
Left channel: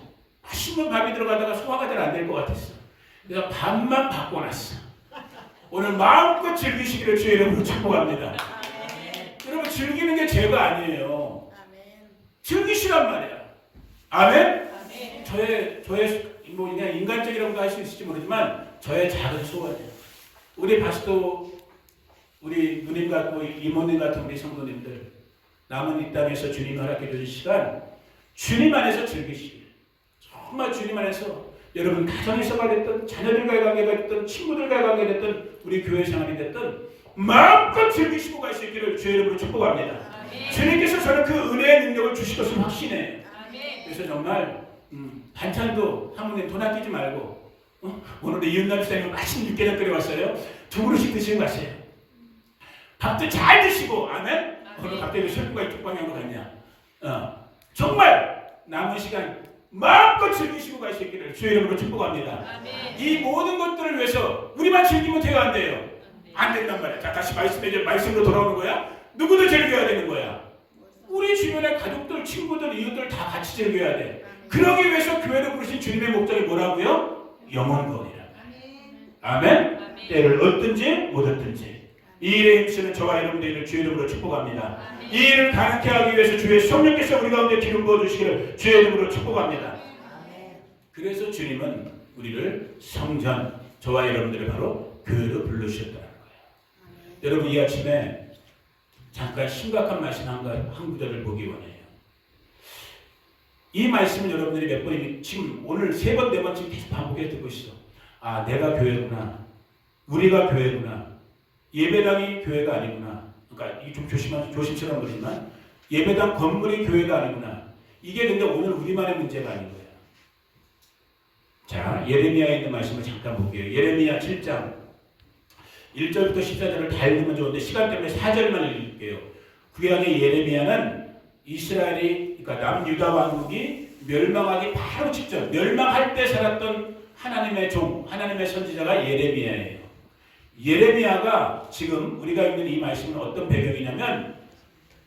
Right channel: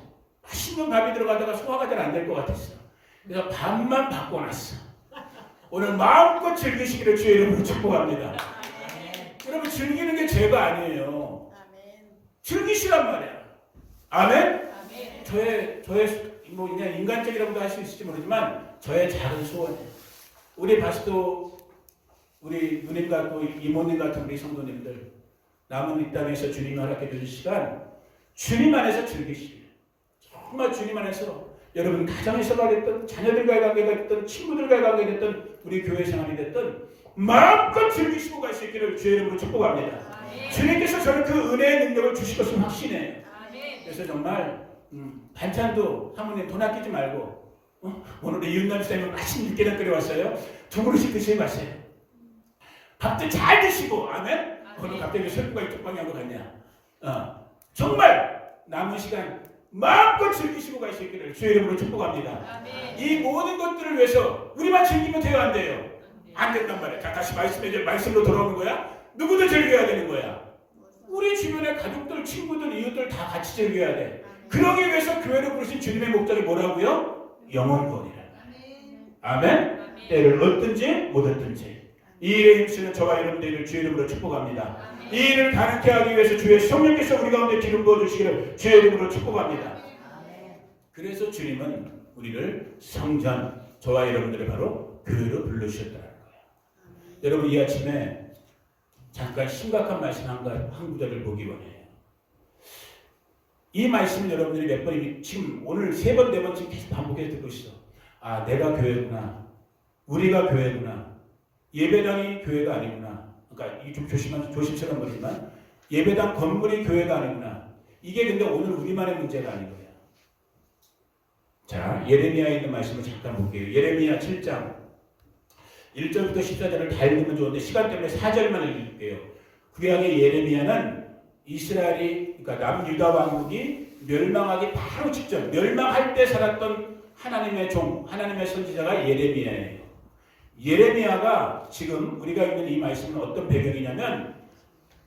맛있는 밥이 들어가다가 소화가 잘 안 될 것 같았어. 그래서 밥만 바꿔놨어. 오늘 마음껏 즐기시기를 주의 이름으로 축복합니다. 여러분 즐기는 게 죄가 아니에요. 즐기시란 말이야. 아멘? 저의 뭐 그냥 인간적이라고도 할 수 있을지 모르지만 저의 작은 소원이에요. 우리 파스토, 우리 누님 같고 이모님 같은 우리 성도님들 남은 이 땅에서 주님이 허락해 주신 시간 주님 안에서 즐기시길. 정말 주님 안에서 여러분 가정에서가 됐든 자녀들과의 관계가 됐든 친구들과의 관계가 됐든 우리 교회 생활이 됐든 마음껏 즐기시고 갈 수 있기를 주의 이름으로 축복합니다. 주님께서 저는 그 은혜의 능력을 주실 것을 확신해요. 그래서 정말 반찬도 사모님 돈 아끼지 말고 오늘 이웃남 집사님은 맛있는 육개장 끓여왔어요. 2그릇씩 드시고 가세요. 밥도 잘 드시고 아멘. 오늘 갑자기 설교가 이쪽 방향으로 갔냐. 정말 남은 시간 마음껏 즐기시고 갈 수 있기를 주의 이름으로 축복합니다. 이 모든 것들을 위해서 우리만 즐기면 돼요, 안 돼요? 안 된단 말이야. 자, 다시 말씀으로 돌아오는 거야. 누구도 즐겨야 되는 거야. 우리 주변의 가족들, 친구들, 이웃들 다 같이 즐겨야 돼. 그러기 위해서 교회를 부르신 주님의 목적이 뭐라고요? 영원권이라. 아멘. 때를 얻든지 못 얻든지 이 일에 힘쓰는 저와 여러분들을 주의 이름으로 축복합니다. 이 일을 가능케 하기 위해서 주의 성령께서 우리 가운데 기름 부어주시기를 주의 이름으로 축복합니다. 그래서 주님은 우리를 성전, 저와 여러분들을 바로 교회로 불러주셨다는 거예요. 여러분 이 아침에 잠깐 심각한 말씀 한 구절을 보기 원해요. 이 말씀을 여러분들이 몇 번이면 지금 오늘 3번, 4번 지금 계속 반복해서 듣고 있어. 아, 내가 교회구나. 우리가 교회구나. 예배당이 교회가 아니구나. 그러니까 이게 좀 조심스러운 거지만 예배당 건물이 교회가 아니구나. 이게 근데 오늘 우리만의 문제가 아닌 거예요. 자, 예레미야에 있는 말씀을 잠깐 볼게요. 예레미야 7장 1절부터 14절을 다 읽으면 좋은데 시간 때문에 4절만 읽을게요. 구약의 예레미야는 이스라엘이 그러니까 남유다 왕국이 멸망하기 바로 직전 멸망할 때 살았던 하나님의 종, 하나님의 선지자가 예레미야예요. 예레미야가 지금 우리가 읽는 이 말씀은 어떤 배경이냐면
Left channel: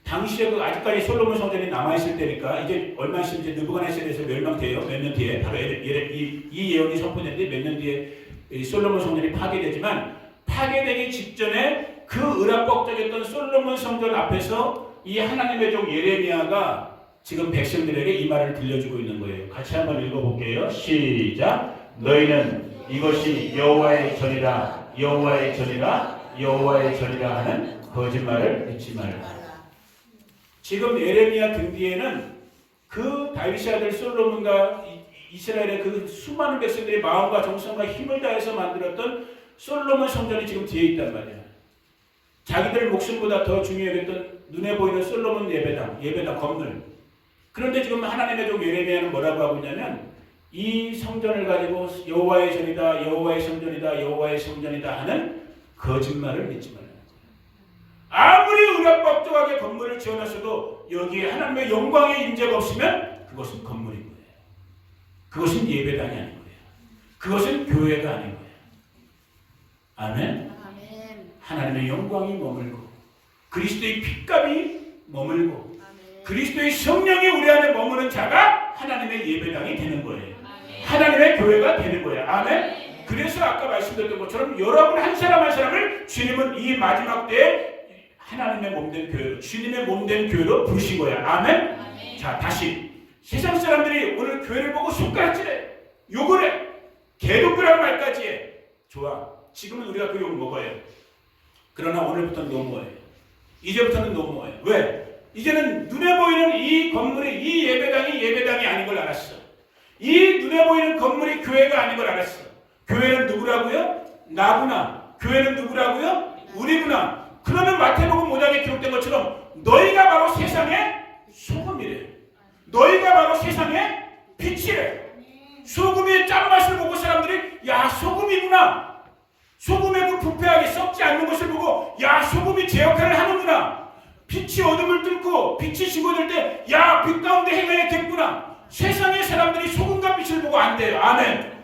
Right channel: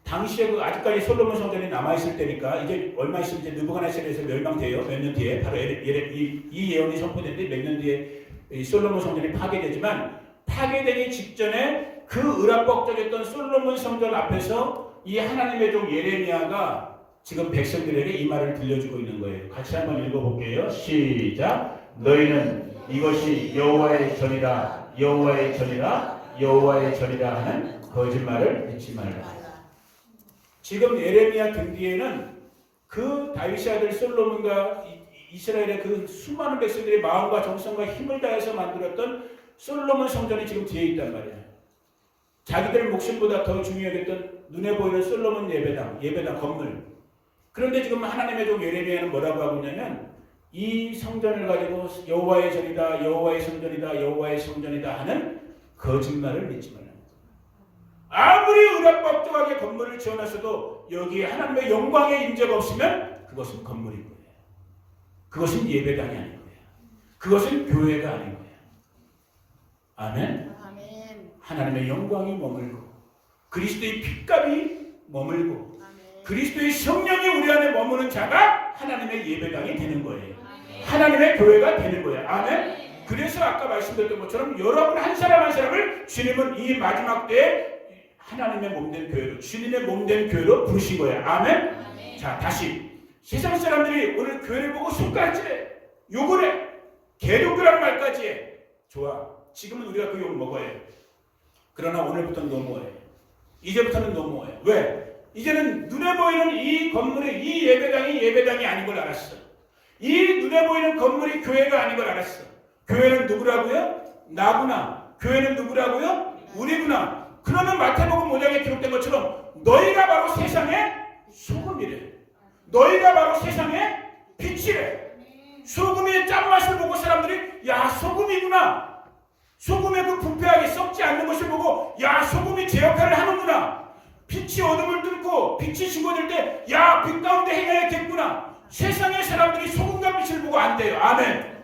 당시에 아직까지 솔로몬 성전이 남아있을 때니까 이제 얼마 있으면 이제 느부갓네살에서 멸망돼요. 몇 년 뒤에 바로 이 예언이 선포됐는데 몇 년 뒤에 솔로몬 성전이 파괴되지만 파괴되기 직전에 그 의락벅적했던 솔로몬 성전 앞에서 이 하나님의 종 예레미야가 지금 백성들에게 이 말을 들려주고 있는 거예요. 같이 한번 읽어볼게요. 시작. 너희는 이것이 여호와의 전이라 여호와의 전이라 여호와의 전이라 하는 거짓말을 믿지 말라. 지금 예레미야 등 뒤에는 그 다윗의 아들 솔로몬과 이스라엘의 그 수많은 백성들의 마음과 정성과 힘을 다해서 만들었던 솔로몬 성전이 지금 뒤에 있단 말이야. 자기들 목숨보다 더 중요했던 눈에 보이는 솔로몬 예배당 건물. 그런데 지금 하나님의 종 예레미야는 뭐라고 하고 있냐면 이 성전을 가지고 여호와의 전이다, 여호와의 성전이다, 여호와의 성전이다 하는 거짓말을 믿지 말라는 거예요. 아무리 의락박정하게 건물을 지어놨어도 여기에 하나님의 영광의 임재가 없으면 그것은 건물인 거예요. 그것은 예배당이 아닌 거예요. 그것은 교회가 아닌 거예요. 아멘. 하나님의 영광이 머물고 그리스도의 핏값이 머물고 그리스도의 성령이 우리 안에 머무는 자가 하나님의 예배당이 되는 거예요. 하나님의 교회가 되는 거예요. 아멘. 그래서 아까 말씀드렸던 것처럼 여러분 한 사람 한 사람을 주님은 이 마지막 때에 하나님의 몸된 교회로 주님의 몸된 교회로 부르신 거예요. 아멘. 자, 다시 세상 사람들이 오늘 교회를 보고 손가락질해, 욕을 해, 개독교란 말까지 해. 좋아. 지금은 우리가 그 욕 먹어요. 그러나 오늘부터는 노모해요. 이제부터는 노모해요. 왜? 이제는 눈에 보이는 이 건물이 이 예배당이 아닌 걸 알았어. 이 눈에 보이는 건물이 교회가 아닌 걸 알았어. 교회는 누구라고요? 나구나. 교회는 누구라고요? 우리구나. 그러면 마태복음 5장에 기록된 것처럼 너희가 바로 세상의 소금이래. 너희가 바로 세상의 빛이래. 소금의 짠맛을 보고 사람들이 야 소금이구나. 소금의 그 부패하게 썩지 않는 것을 보고 야 소금이 제 역할을 하는구나. 빛이 어둠을 뚫고 빛이 지고들 때 야 빛 가운데 해가 됐구나. 세상의 사람들이 소금과 빛을 보고 안 돼요. 아멘.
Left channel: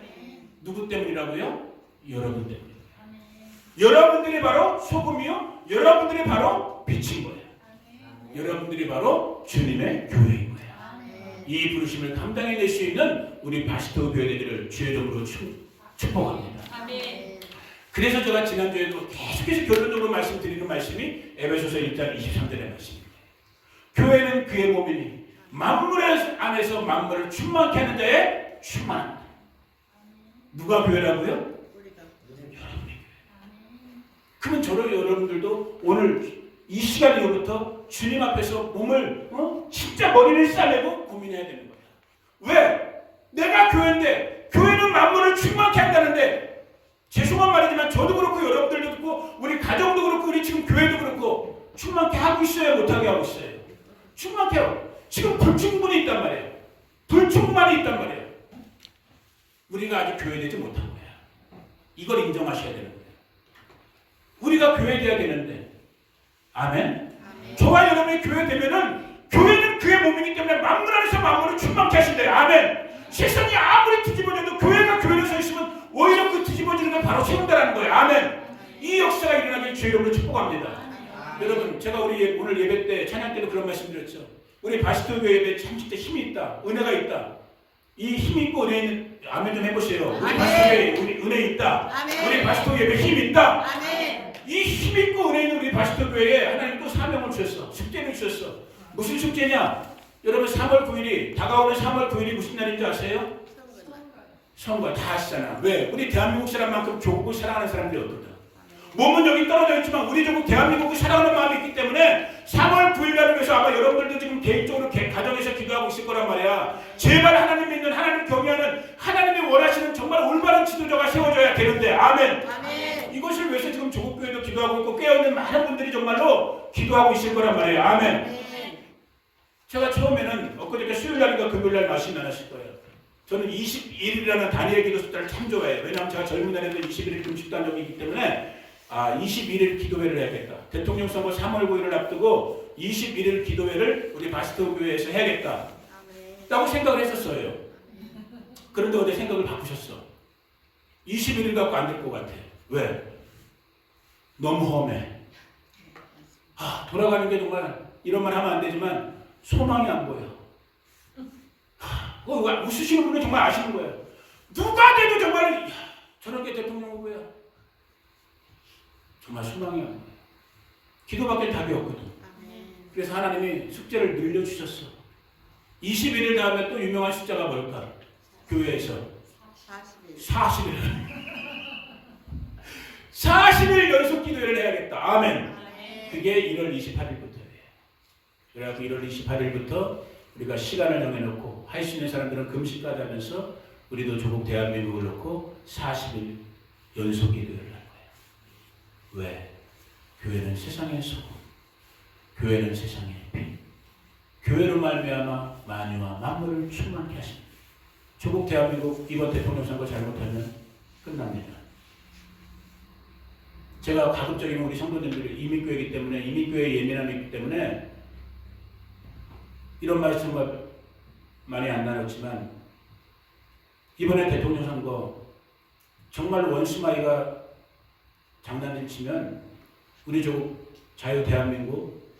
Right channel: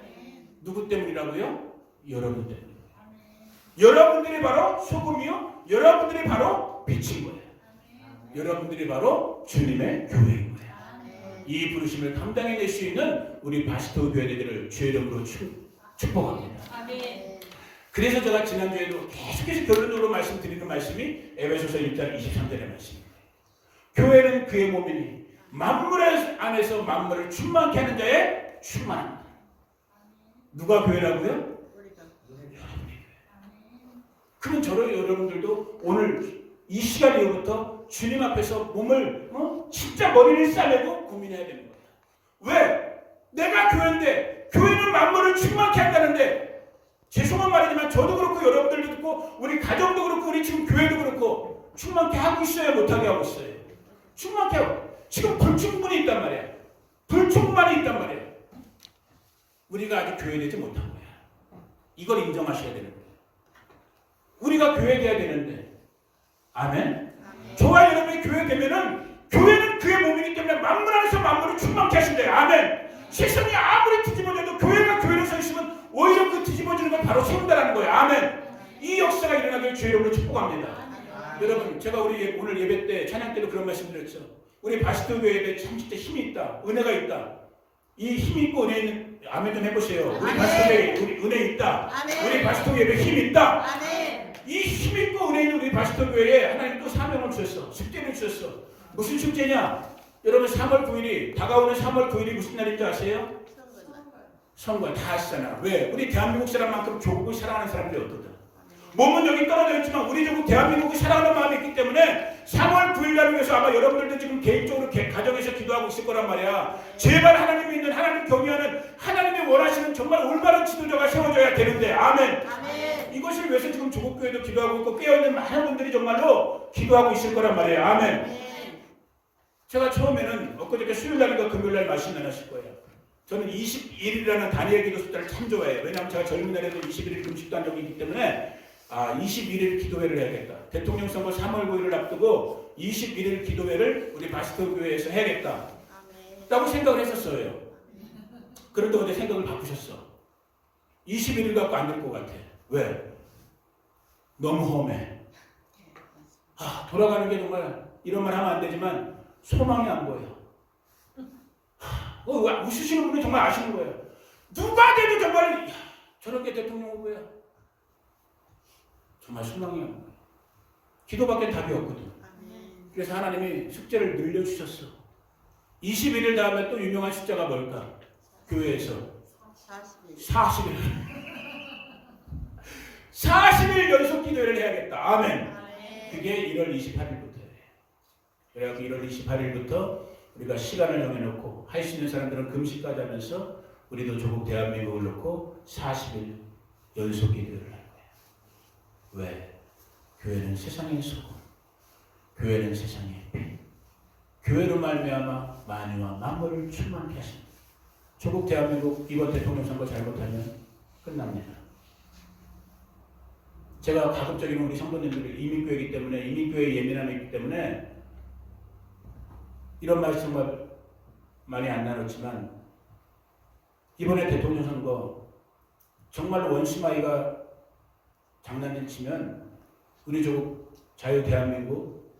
누구 때문이라고요? 여러분 때문이에요. 여러분들이 바로 소금이요. 여러분들이 바로 빛인 거예요. 여러분들이 바로 주님의 교회인 거예요. 이 부르심을 감당해낼 수 있는 우리 바스토 교회들을 주의 이름으로 축복합니다. 그래서 제가 지난주에도 계속해서 결론적으로 말씀드리는 말씀이 에베소서 1장 23절의 말씀입니다. 교회는 그의 몸이니 만물 안에서 만물을 충만케 하는 자에 충만합니다. 누가 교회라고요? 여러분이 교회. 그러면 저런 여러분들도 오늘 이 시간 이후부터 주님 앞에서 몸을 진짜 머리를 싸매고 고민해야 되는 거예요. 왜? 내가 교회인데 교회는 만물을 충만케 한다는데 죄송한 말이지만 저도 그렇고 여러분들도 그렇고 우리 가정도 그렇고 우리 지금 교회도 그렇고 충만케 하고 있어요? 못하게 하고 있어요? 충만케 하고 지금 불충분이 있단 말이에요. 불충만이 있단 말이에요. 우리가 아직 교회되지 못한 거야. 이걸 인정하셔야 되는 거예요. 우리가 교회돼야 되는데 아멘? 저와 여러분이 교회되면은 교회는 그의 몸이기 때문에 만물 안에서 만물을 충만케 하신대요. 아멘. 세상이 아무리 뒤집어져도 교회가 교회로 서 있으면 오히려 그 뒤집어지는 걸 바로 세운다라는 거예요. 아멘. 이 역사가 일어나길 주의 이름으로 축복합니다. 여러분, 제가 우리 오늘 예배 때 찬양 때도 그런 말씀 드렸죠. 우리 바스토 교회 예배 참 진짜 힘이 있다. 은혜가 있다. 이 힘 있고 은혜 있는 아멘 좀 해보세요. 우리 바스토 교회 우리 은혜 있다. 우리 바스토 예배 힘 있다. 이 힘 있고 은혜 있는 우리 바스토 교회에 하나님 또 사명을 주셨어. 숙제를 주셨어. 무슨 숙제냐? 여러분 3월 9일이 다가오는 3월 9일이 무슨 날인지 아세요? 선거 다 아시잖아. 왜? 우리 대한민국 사람만큼 조국을 사랑하는 사람들이 어떻다. 몸은 여기 떨어져 있지만 우리 조국 대한민국을 사랑하는 마음이 있기 때문에 3월 9일날을 위해서 아마 여러분들도 지금 개인적으로 가정에서 기도하고 있을 거란 말이야. 제발 하나님 믿는 하나님 경외하는 하나님이 원하시는 정말 올바른 지도자가 세워져야 되는데 아멘. 이것을 위해서 지금 조국교회도 기도하고 있고 깨어있는 많은 분들이 정말로 기도하고 있을 거란 말이에요. 아멘. 제가 처음에는 엊그저께 수요일날인가 금요일날 말씀 나눴을 거예요. 저는 21일이라는 단위의 기도 숫자를 참 좋아해요. 왜냐하면 제가 젊은 날에는 21일 금식도 한 적이 있기 때문에 21일 기도회를 해야겠다. 대통령 선거 3월 9일을 앞두고 21일 기도회를 우리 바스토 교회에서 해야겠다. 라고 생각을 했었어요. 그런데 어제 생각을 바꾸셨어. 21일 갖고 안 될 것 같아. 왜? 너무 험해. 돌아가는 게 정말 이런 말 하면 안 되지만 소망이 안 보여. 웃으시는 분은 정말 아시는 거예요. 누가 돼도 정말 저렇게 대통령 후보야. 정말 소망이 안 보여. 기도밖에 답이 없거든. 그래서 하나님이 숙제를 늘려주셨어. 21일 다음에 또 유명한 숫자가 뭘까? 교회에서 40일 40일 연속 기도회를 해야겠다. 아멘. 그게 1월 28일부터예요. 그래갖고 1월 28일부터 우리가 시간을 정해놓고 할 수 있는 사람들은 금식까지 하면서 우리도 조국 대한민국을 놓고 40일 연속 기도회를 할 거예요. 왜? 교회는 세상의 소금, 교회는 세상의 빛, 교회로 말미암아 만유와 만물을 충만케 하십니다. 조국 대한민국 이번 대통령 선거 잘못하면 끝납니다. 제가 가급적인 우리 성도님들 이민교회이기 때문에 이민교회의 예민함이 있기 때문에 이런 말씀 정말 많이 안 나눴지만 이번에 대통령 선거 정말 원수마이가 장난을 치면 우리 조국 자유 대한민국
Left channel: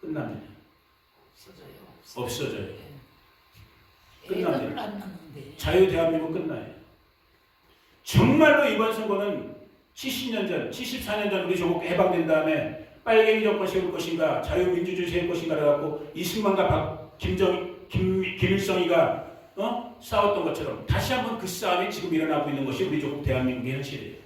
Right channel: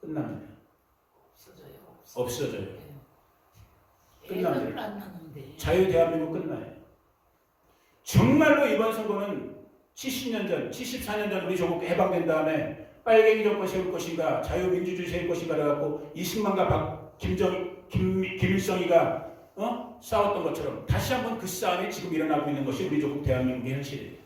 끝납니다. 없어져요. 끝납니다. 자유 대한민국 끝나요. 정말로 이번 선거는 70년 전, 74년 전 우리 조국 해방된 다음에 빨갱이 정권 세울 것인가, 자유민주주의 세울 것인가 해갖고 이승만과 김일성이가 싸웠던 것처럼 다시 한번 그 싸움이 지금 일어나고 있는 것이 우리 조국 대한민국의 현실이에요.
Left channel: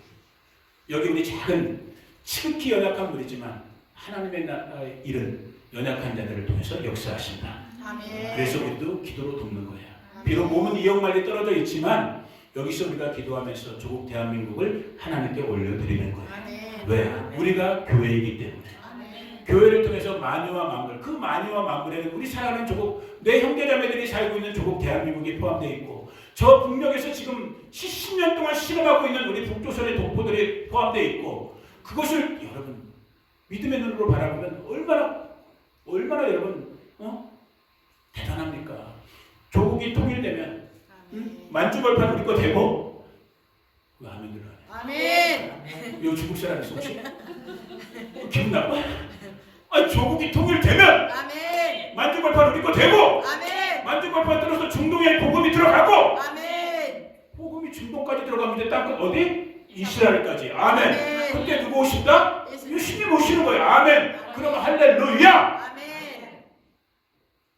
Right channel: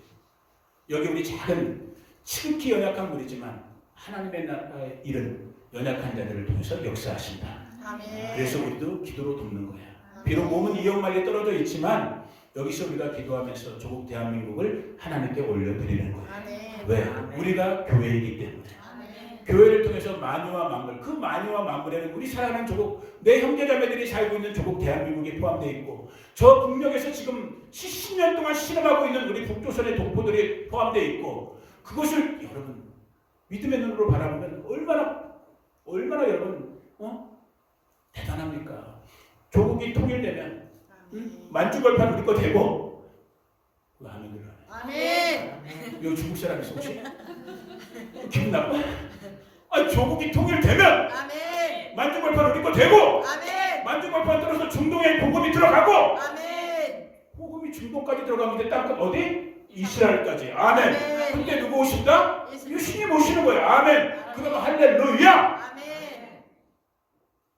여기 우리 작은 지극히 연약한 우리지만 하나님의 나라의 일은 연약한 자들을 통해서 역사하신다. 아멘. 그래서 우리도 기도로 돕는 거예요. 비록 몸은 이역만리 떨어져 있지만 여기서 우리가 기도하면서 조국 대한민국을 하나님께 올려드리는 거예요. 아멘. 왜? 우리가 교회이기 때문에. 아멘. 교회를 통해서 만유와 만물, 그 만유와 만물에는 우리 사랑하는 조국, 내 형제자매들이 살고 있는 조국 대한민국이 포함되어 있고 저 북녘에서 지금 70년 동안 실험하고 있는 우리 북조선의 동포들이 포함되어 있고 그것을 여러분 믿음의 눈으로 바라보면 얼마나 여러분 대단합니까? 조국이 통일되면 만주벌판 우리 거 되고 왜 아멘들 안 해? 아멘. 이거 중국 사람 있어 혹시? 기분 나빠? 조국이 통일되면 아멘. 만주벌판 우리 거 되고, 아멘. 만주벌판 들어서 중동에 복음이 들어가고, 아멘. 복음이 중동까지 들어가면 이제 땅끝 어디? 이스라엘까지. 아멘. 아멘. 그때 누구 오신다? 예수님. 예수님 오시는 거예요. 아멘. 그러면 할렐루야. 아멘.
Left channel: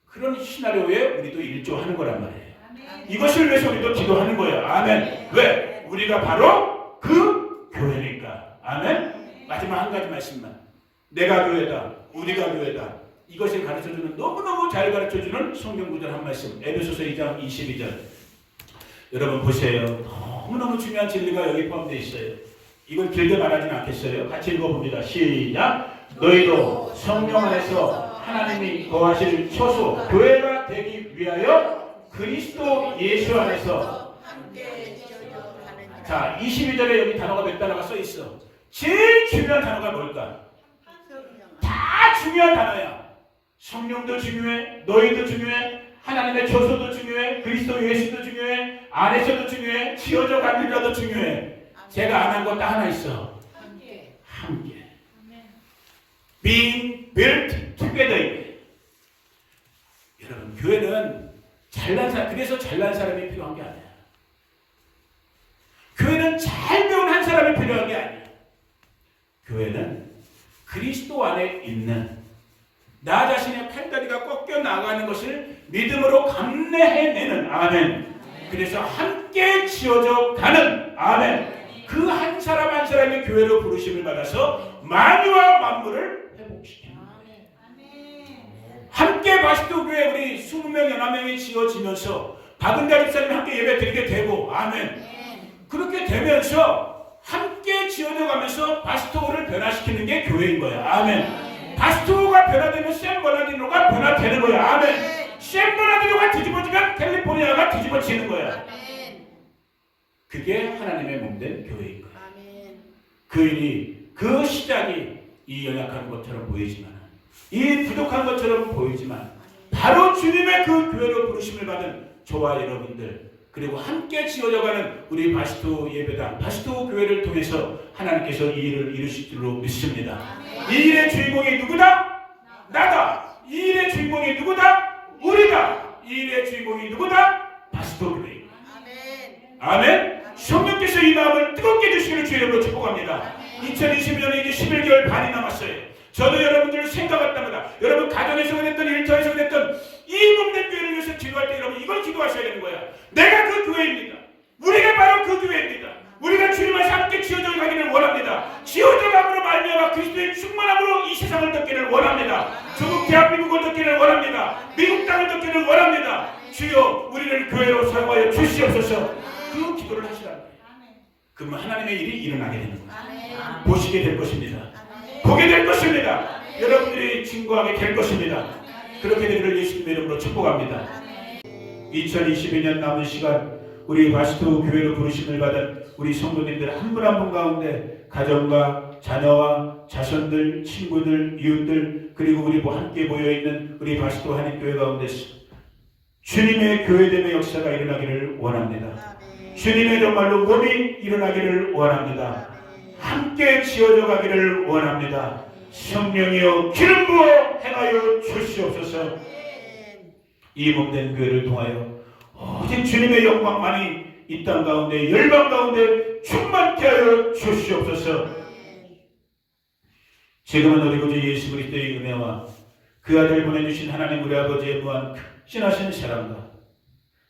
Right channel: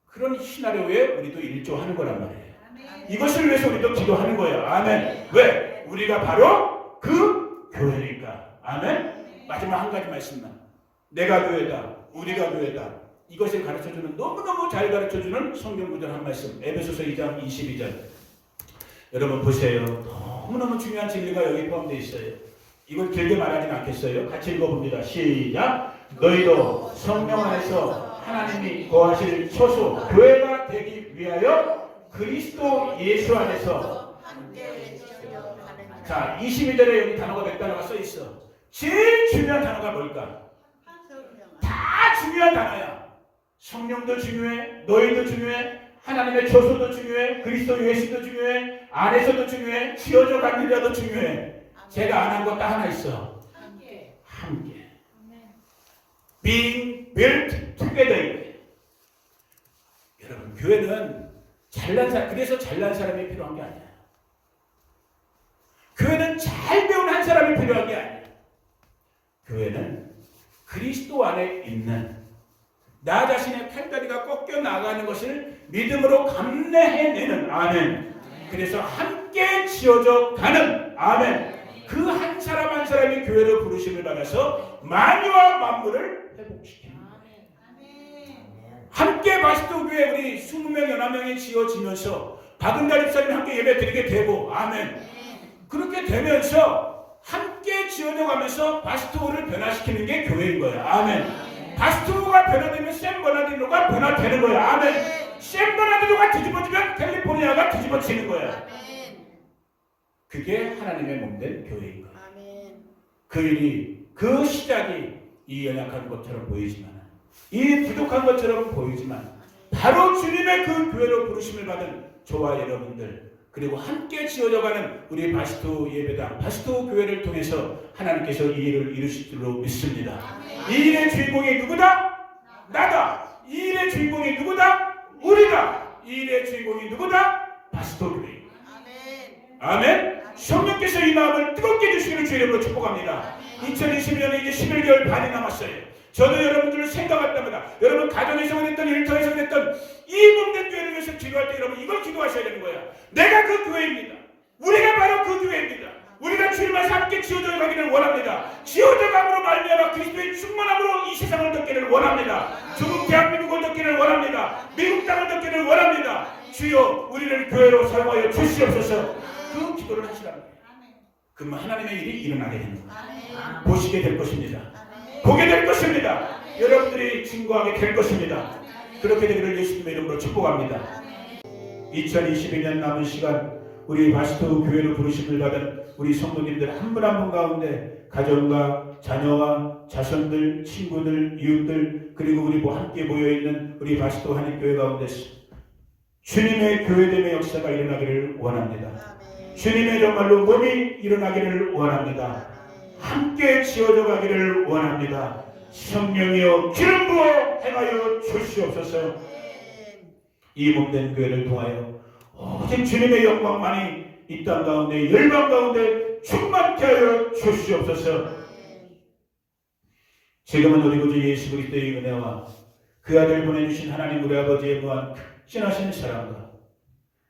그런 시나리오에 우리도 일조하는 거란 말이에요. 아멘. 이것을 위해서 우리도 기도하는 거예요. 아멘. 왜? 우리가 바로 그 교회니까. 아멘. 마지막 한 가지 말씀만. 내가 교회다. 우리가 교회다. 이것을 가르쳐주는, 너무너무 잘 가르쳐주는 성경 구절 한 말씀. 에베소서 2장 22절. 여러분 보세요. 너무너무 중요한 진리가 여기 포함되어 있어요. 이걸 길게 말하지는 않겠어요. 같이 읽어봅니다. 시작. 너희도 성령 안에서 하나님이 거하실 처소 교회가 되기 위하여 그리스도 예수 안에서 함께 지어져 가는 자 22절에 여기 단어가 몇 단어가 써 있어. 제일 중요한 단어가 뭘까? 성령. 다 중요한 단어야. 성령도 중요해, 너희도 중요해, 하나님의 처소도 중요해, 그리스도 예수도 중요해, 안에서도 중요해, 지어져 가기라도 중요해. 제가 안 한 거 딱 하나 있어. 함께. 함께. Being built together. 여러분 교회는 잘난 사람, 그래서 잘난 사람이 필요한 게 아니야. 교회는 잘 배운 한 사람이 필요한 게 아니야. 교회는 그리스도 안에 있는 나 자신의 팔다리가 꺾여 나가는 것을 믿음으로 감내해내는 아멘. 그래서 함께 지어져 가는 아멘. 그 한 사람 한 사람이 교회로 부르심을 받아서 만유와 만물을 회복시키는 거예요. 함께 바시도 교회 우리 20명 연합명이 지어지면서 박은자 집사님이 함께 예배 드리게 되고 아멘. 그렇게 되면서 함께 지어져 가면서 바스토를 변화시키는 게 교회인 거야. 아멘. 바스토가 변화되면 샌버나디노가 변화되는 거야. 아멘. 샌버나디노가 뒤집어지면 캘리포니아가 뒤집어지는 거야. 그게 하나님의 몸된 교회인 거야. 그 일이, 그 시작이 이 연약한 것처럼 보이지만, 이 부족한 것처럼 보이지만, 바로 주님의 그 교회로 부르심을 받은 저와 여러분들, 그리고 함께 지어져가는 우리 바스토 예배당, 바스토 교회를 통해서 하나님께서 이 일을 이루실 줄로 믿습니다. 이 일의 주인공이 누구다? 나다. 이 일의 주인공이 누구다? 우리다. 이 일의 주인공이 누구다? 바스토 교회. 아멘. 성령께서 이 마음을 뜨겁게 해주시기를 주의 이름으로 축복합니다. 2020년에 이제 11개월 반이 남았어요. 저도 여러분들을 생각할 때마다 여러분 가정에서 됐든 일터에서 됐든 이 몸된 교회를 위해서 기도할 때 여러분 이걸 기도하셔야 되는 거야. 내가 그 교회입니다. 우리가 바로 그 교회입니다. 우리가 주님 안에서 함께 지어져 가기를 원합니다. 지어져 감으로 말미암아 그리스도의 충만함으로 이 세상을 덮기를 원합니다. 중국 대한민국을 덮기를 원합니다. 미국 땅을 덮기를 원합니다. 주여 우리를 교회로 사용하여 주시옵소서. 그 기도를 하시라는 거예요. 그러면 하나님의 일이 일어나게 되는 거예요. 보시게 될 것입니다. 보게 될 것입니다. 여러분들이 증거하게 될 것입니다. 그렇게 되기를 예수님의 이름으로 축복합니다. 2022년 남은 시간 우리 바스토 교회로 부르심을 받은 우리 성도님들 한 분 한 분 가운데 가정과 자녀와 자손들, 친구들, 이웃들 그리고 우리 함께 모여있는 우리 바스토 한인교회 가운데서 주님의 교회됨의 역사가 일어나기를 원합니다. 주님의 정말로 몸이 일어나기를 원합니다. 함께 지어져 가기를 원합니다. 성령이여 기름 부어 행하여 주시옵소서. 이 몸된 교회를 통하여 오직 주님의 영광만이 이 땅 가운데 열방 가운데 충만케 하여 주시옵소서. 지금은 우리 구주 예수 그리스도의 은혜와 그 아들 보내주신 하나님 우리 아버지의 무한 신하신 사랑과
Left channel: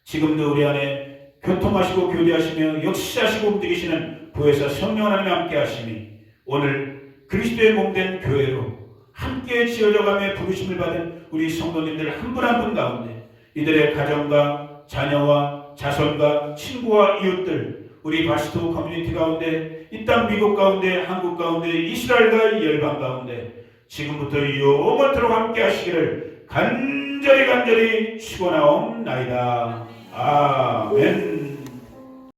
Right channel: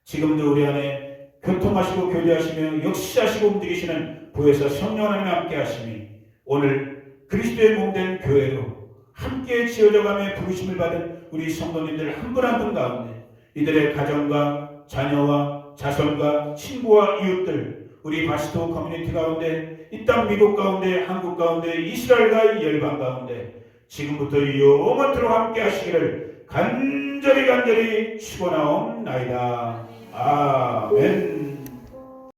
지금도 우리 안에 교통하시고 교제하시며 역사하시고 움직이시는 보혜사 성령 하나님 함께 하시니 오늘 그리스도의 몸된 교회로 함께 지어져가며 부르심을 받은 우리 성도님들 한 분 한 분 가운데 이들의 가정과 자녀와 자손과 친구와 이웃들 우리 바스토 커뮤니티 가운데 이 땅 미국 가운데 한국 가운데 이스라엘과 열방 가운데 지금부터 영원토록 함께 하시기를 간절히 축원하옵나이다. 아멘.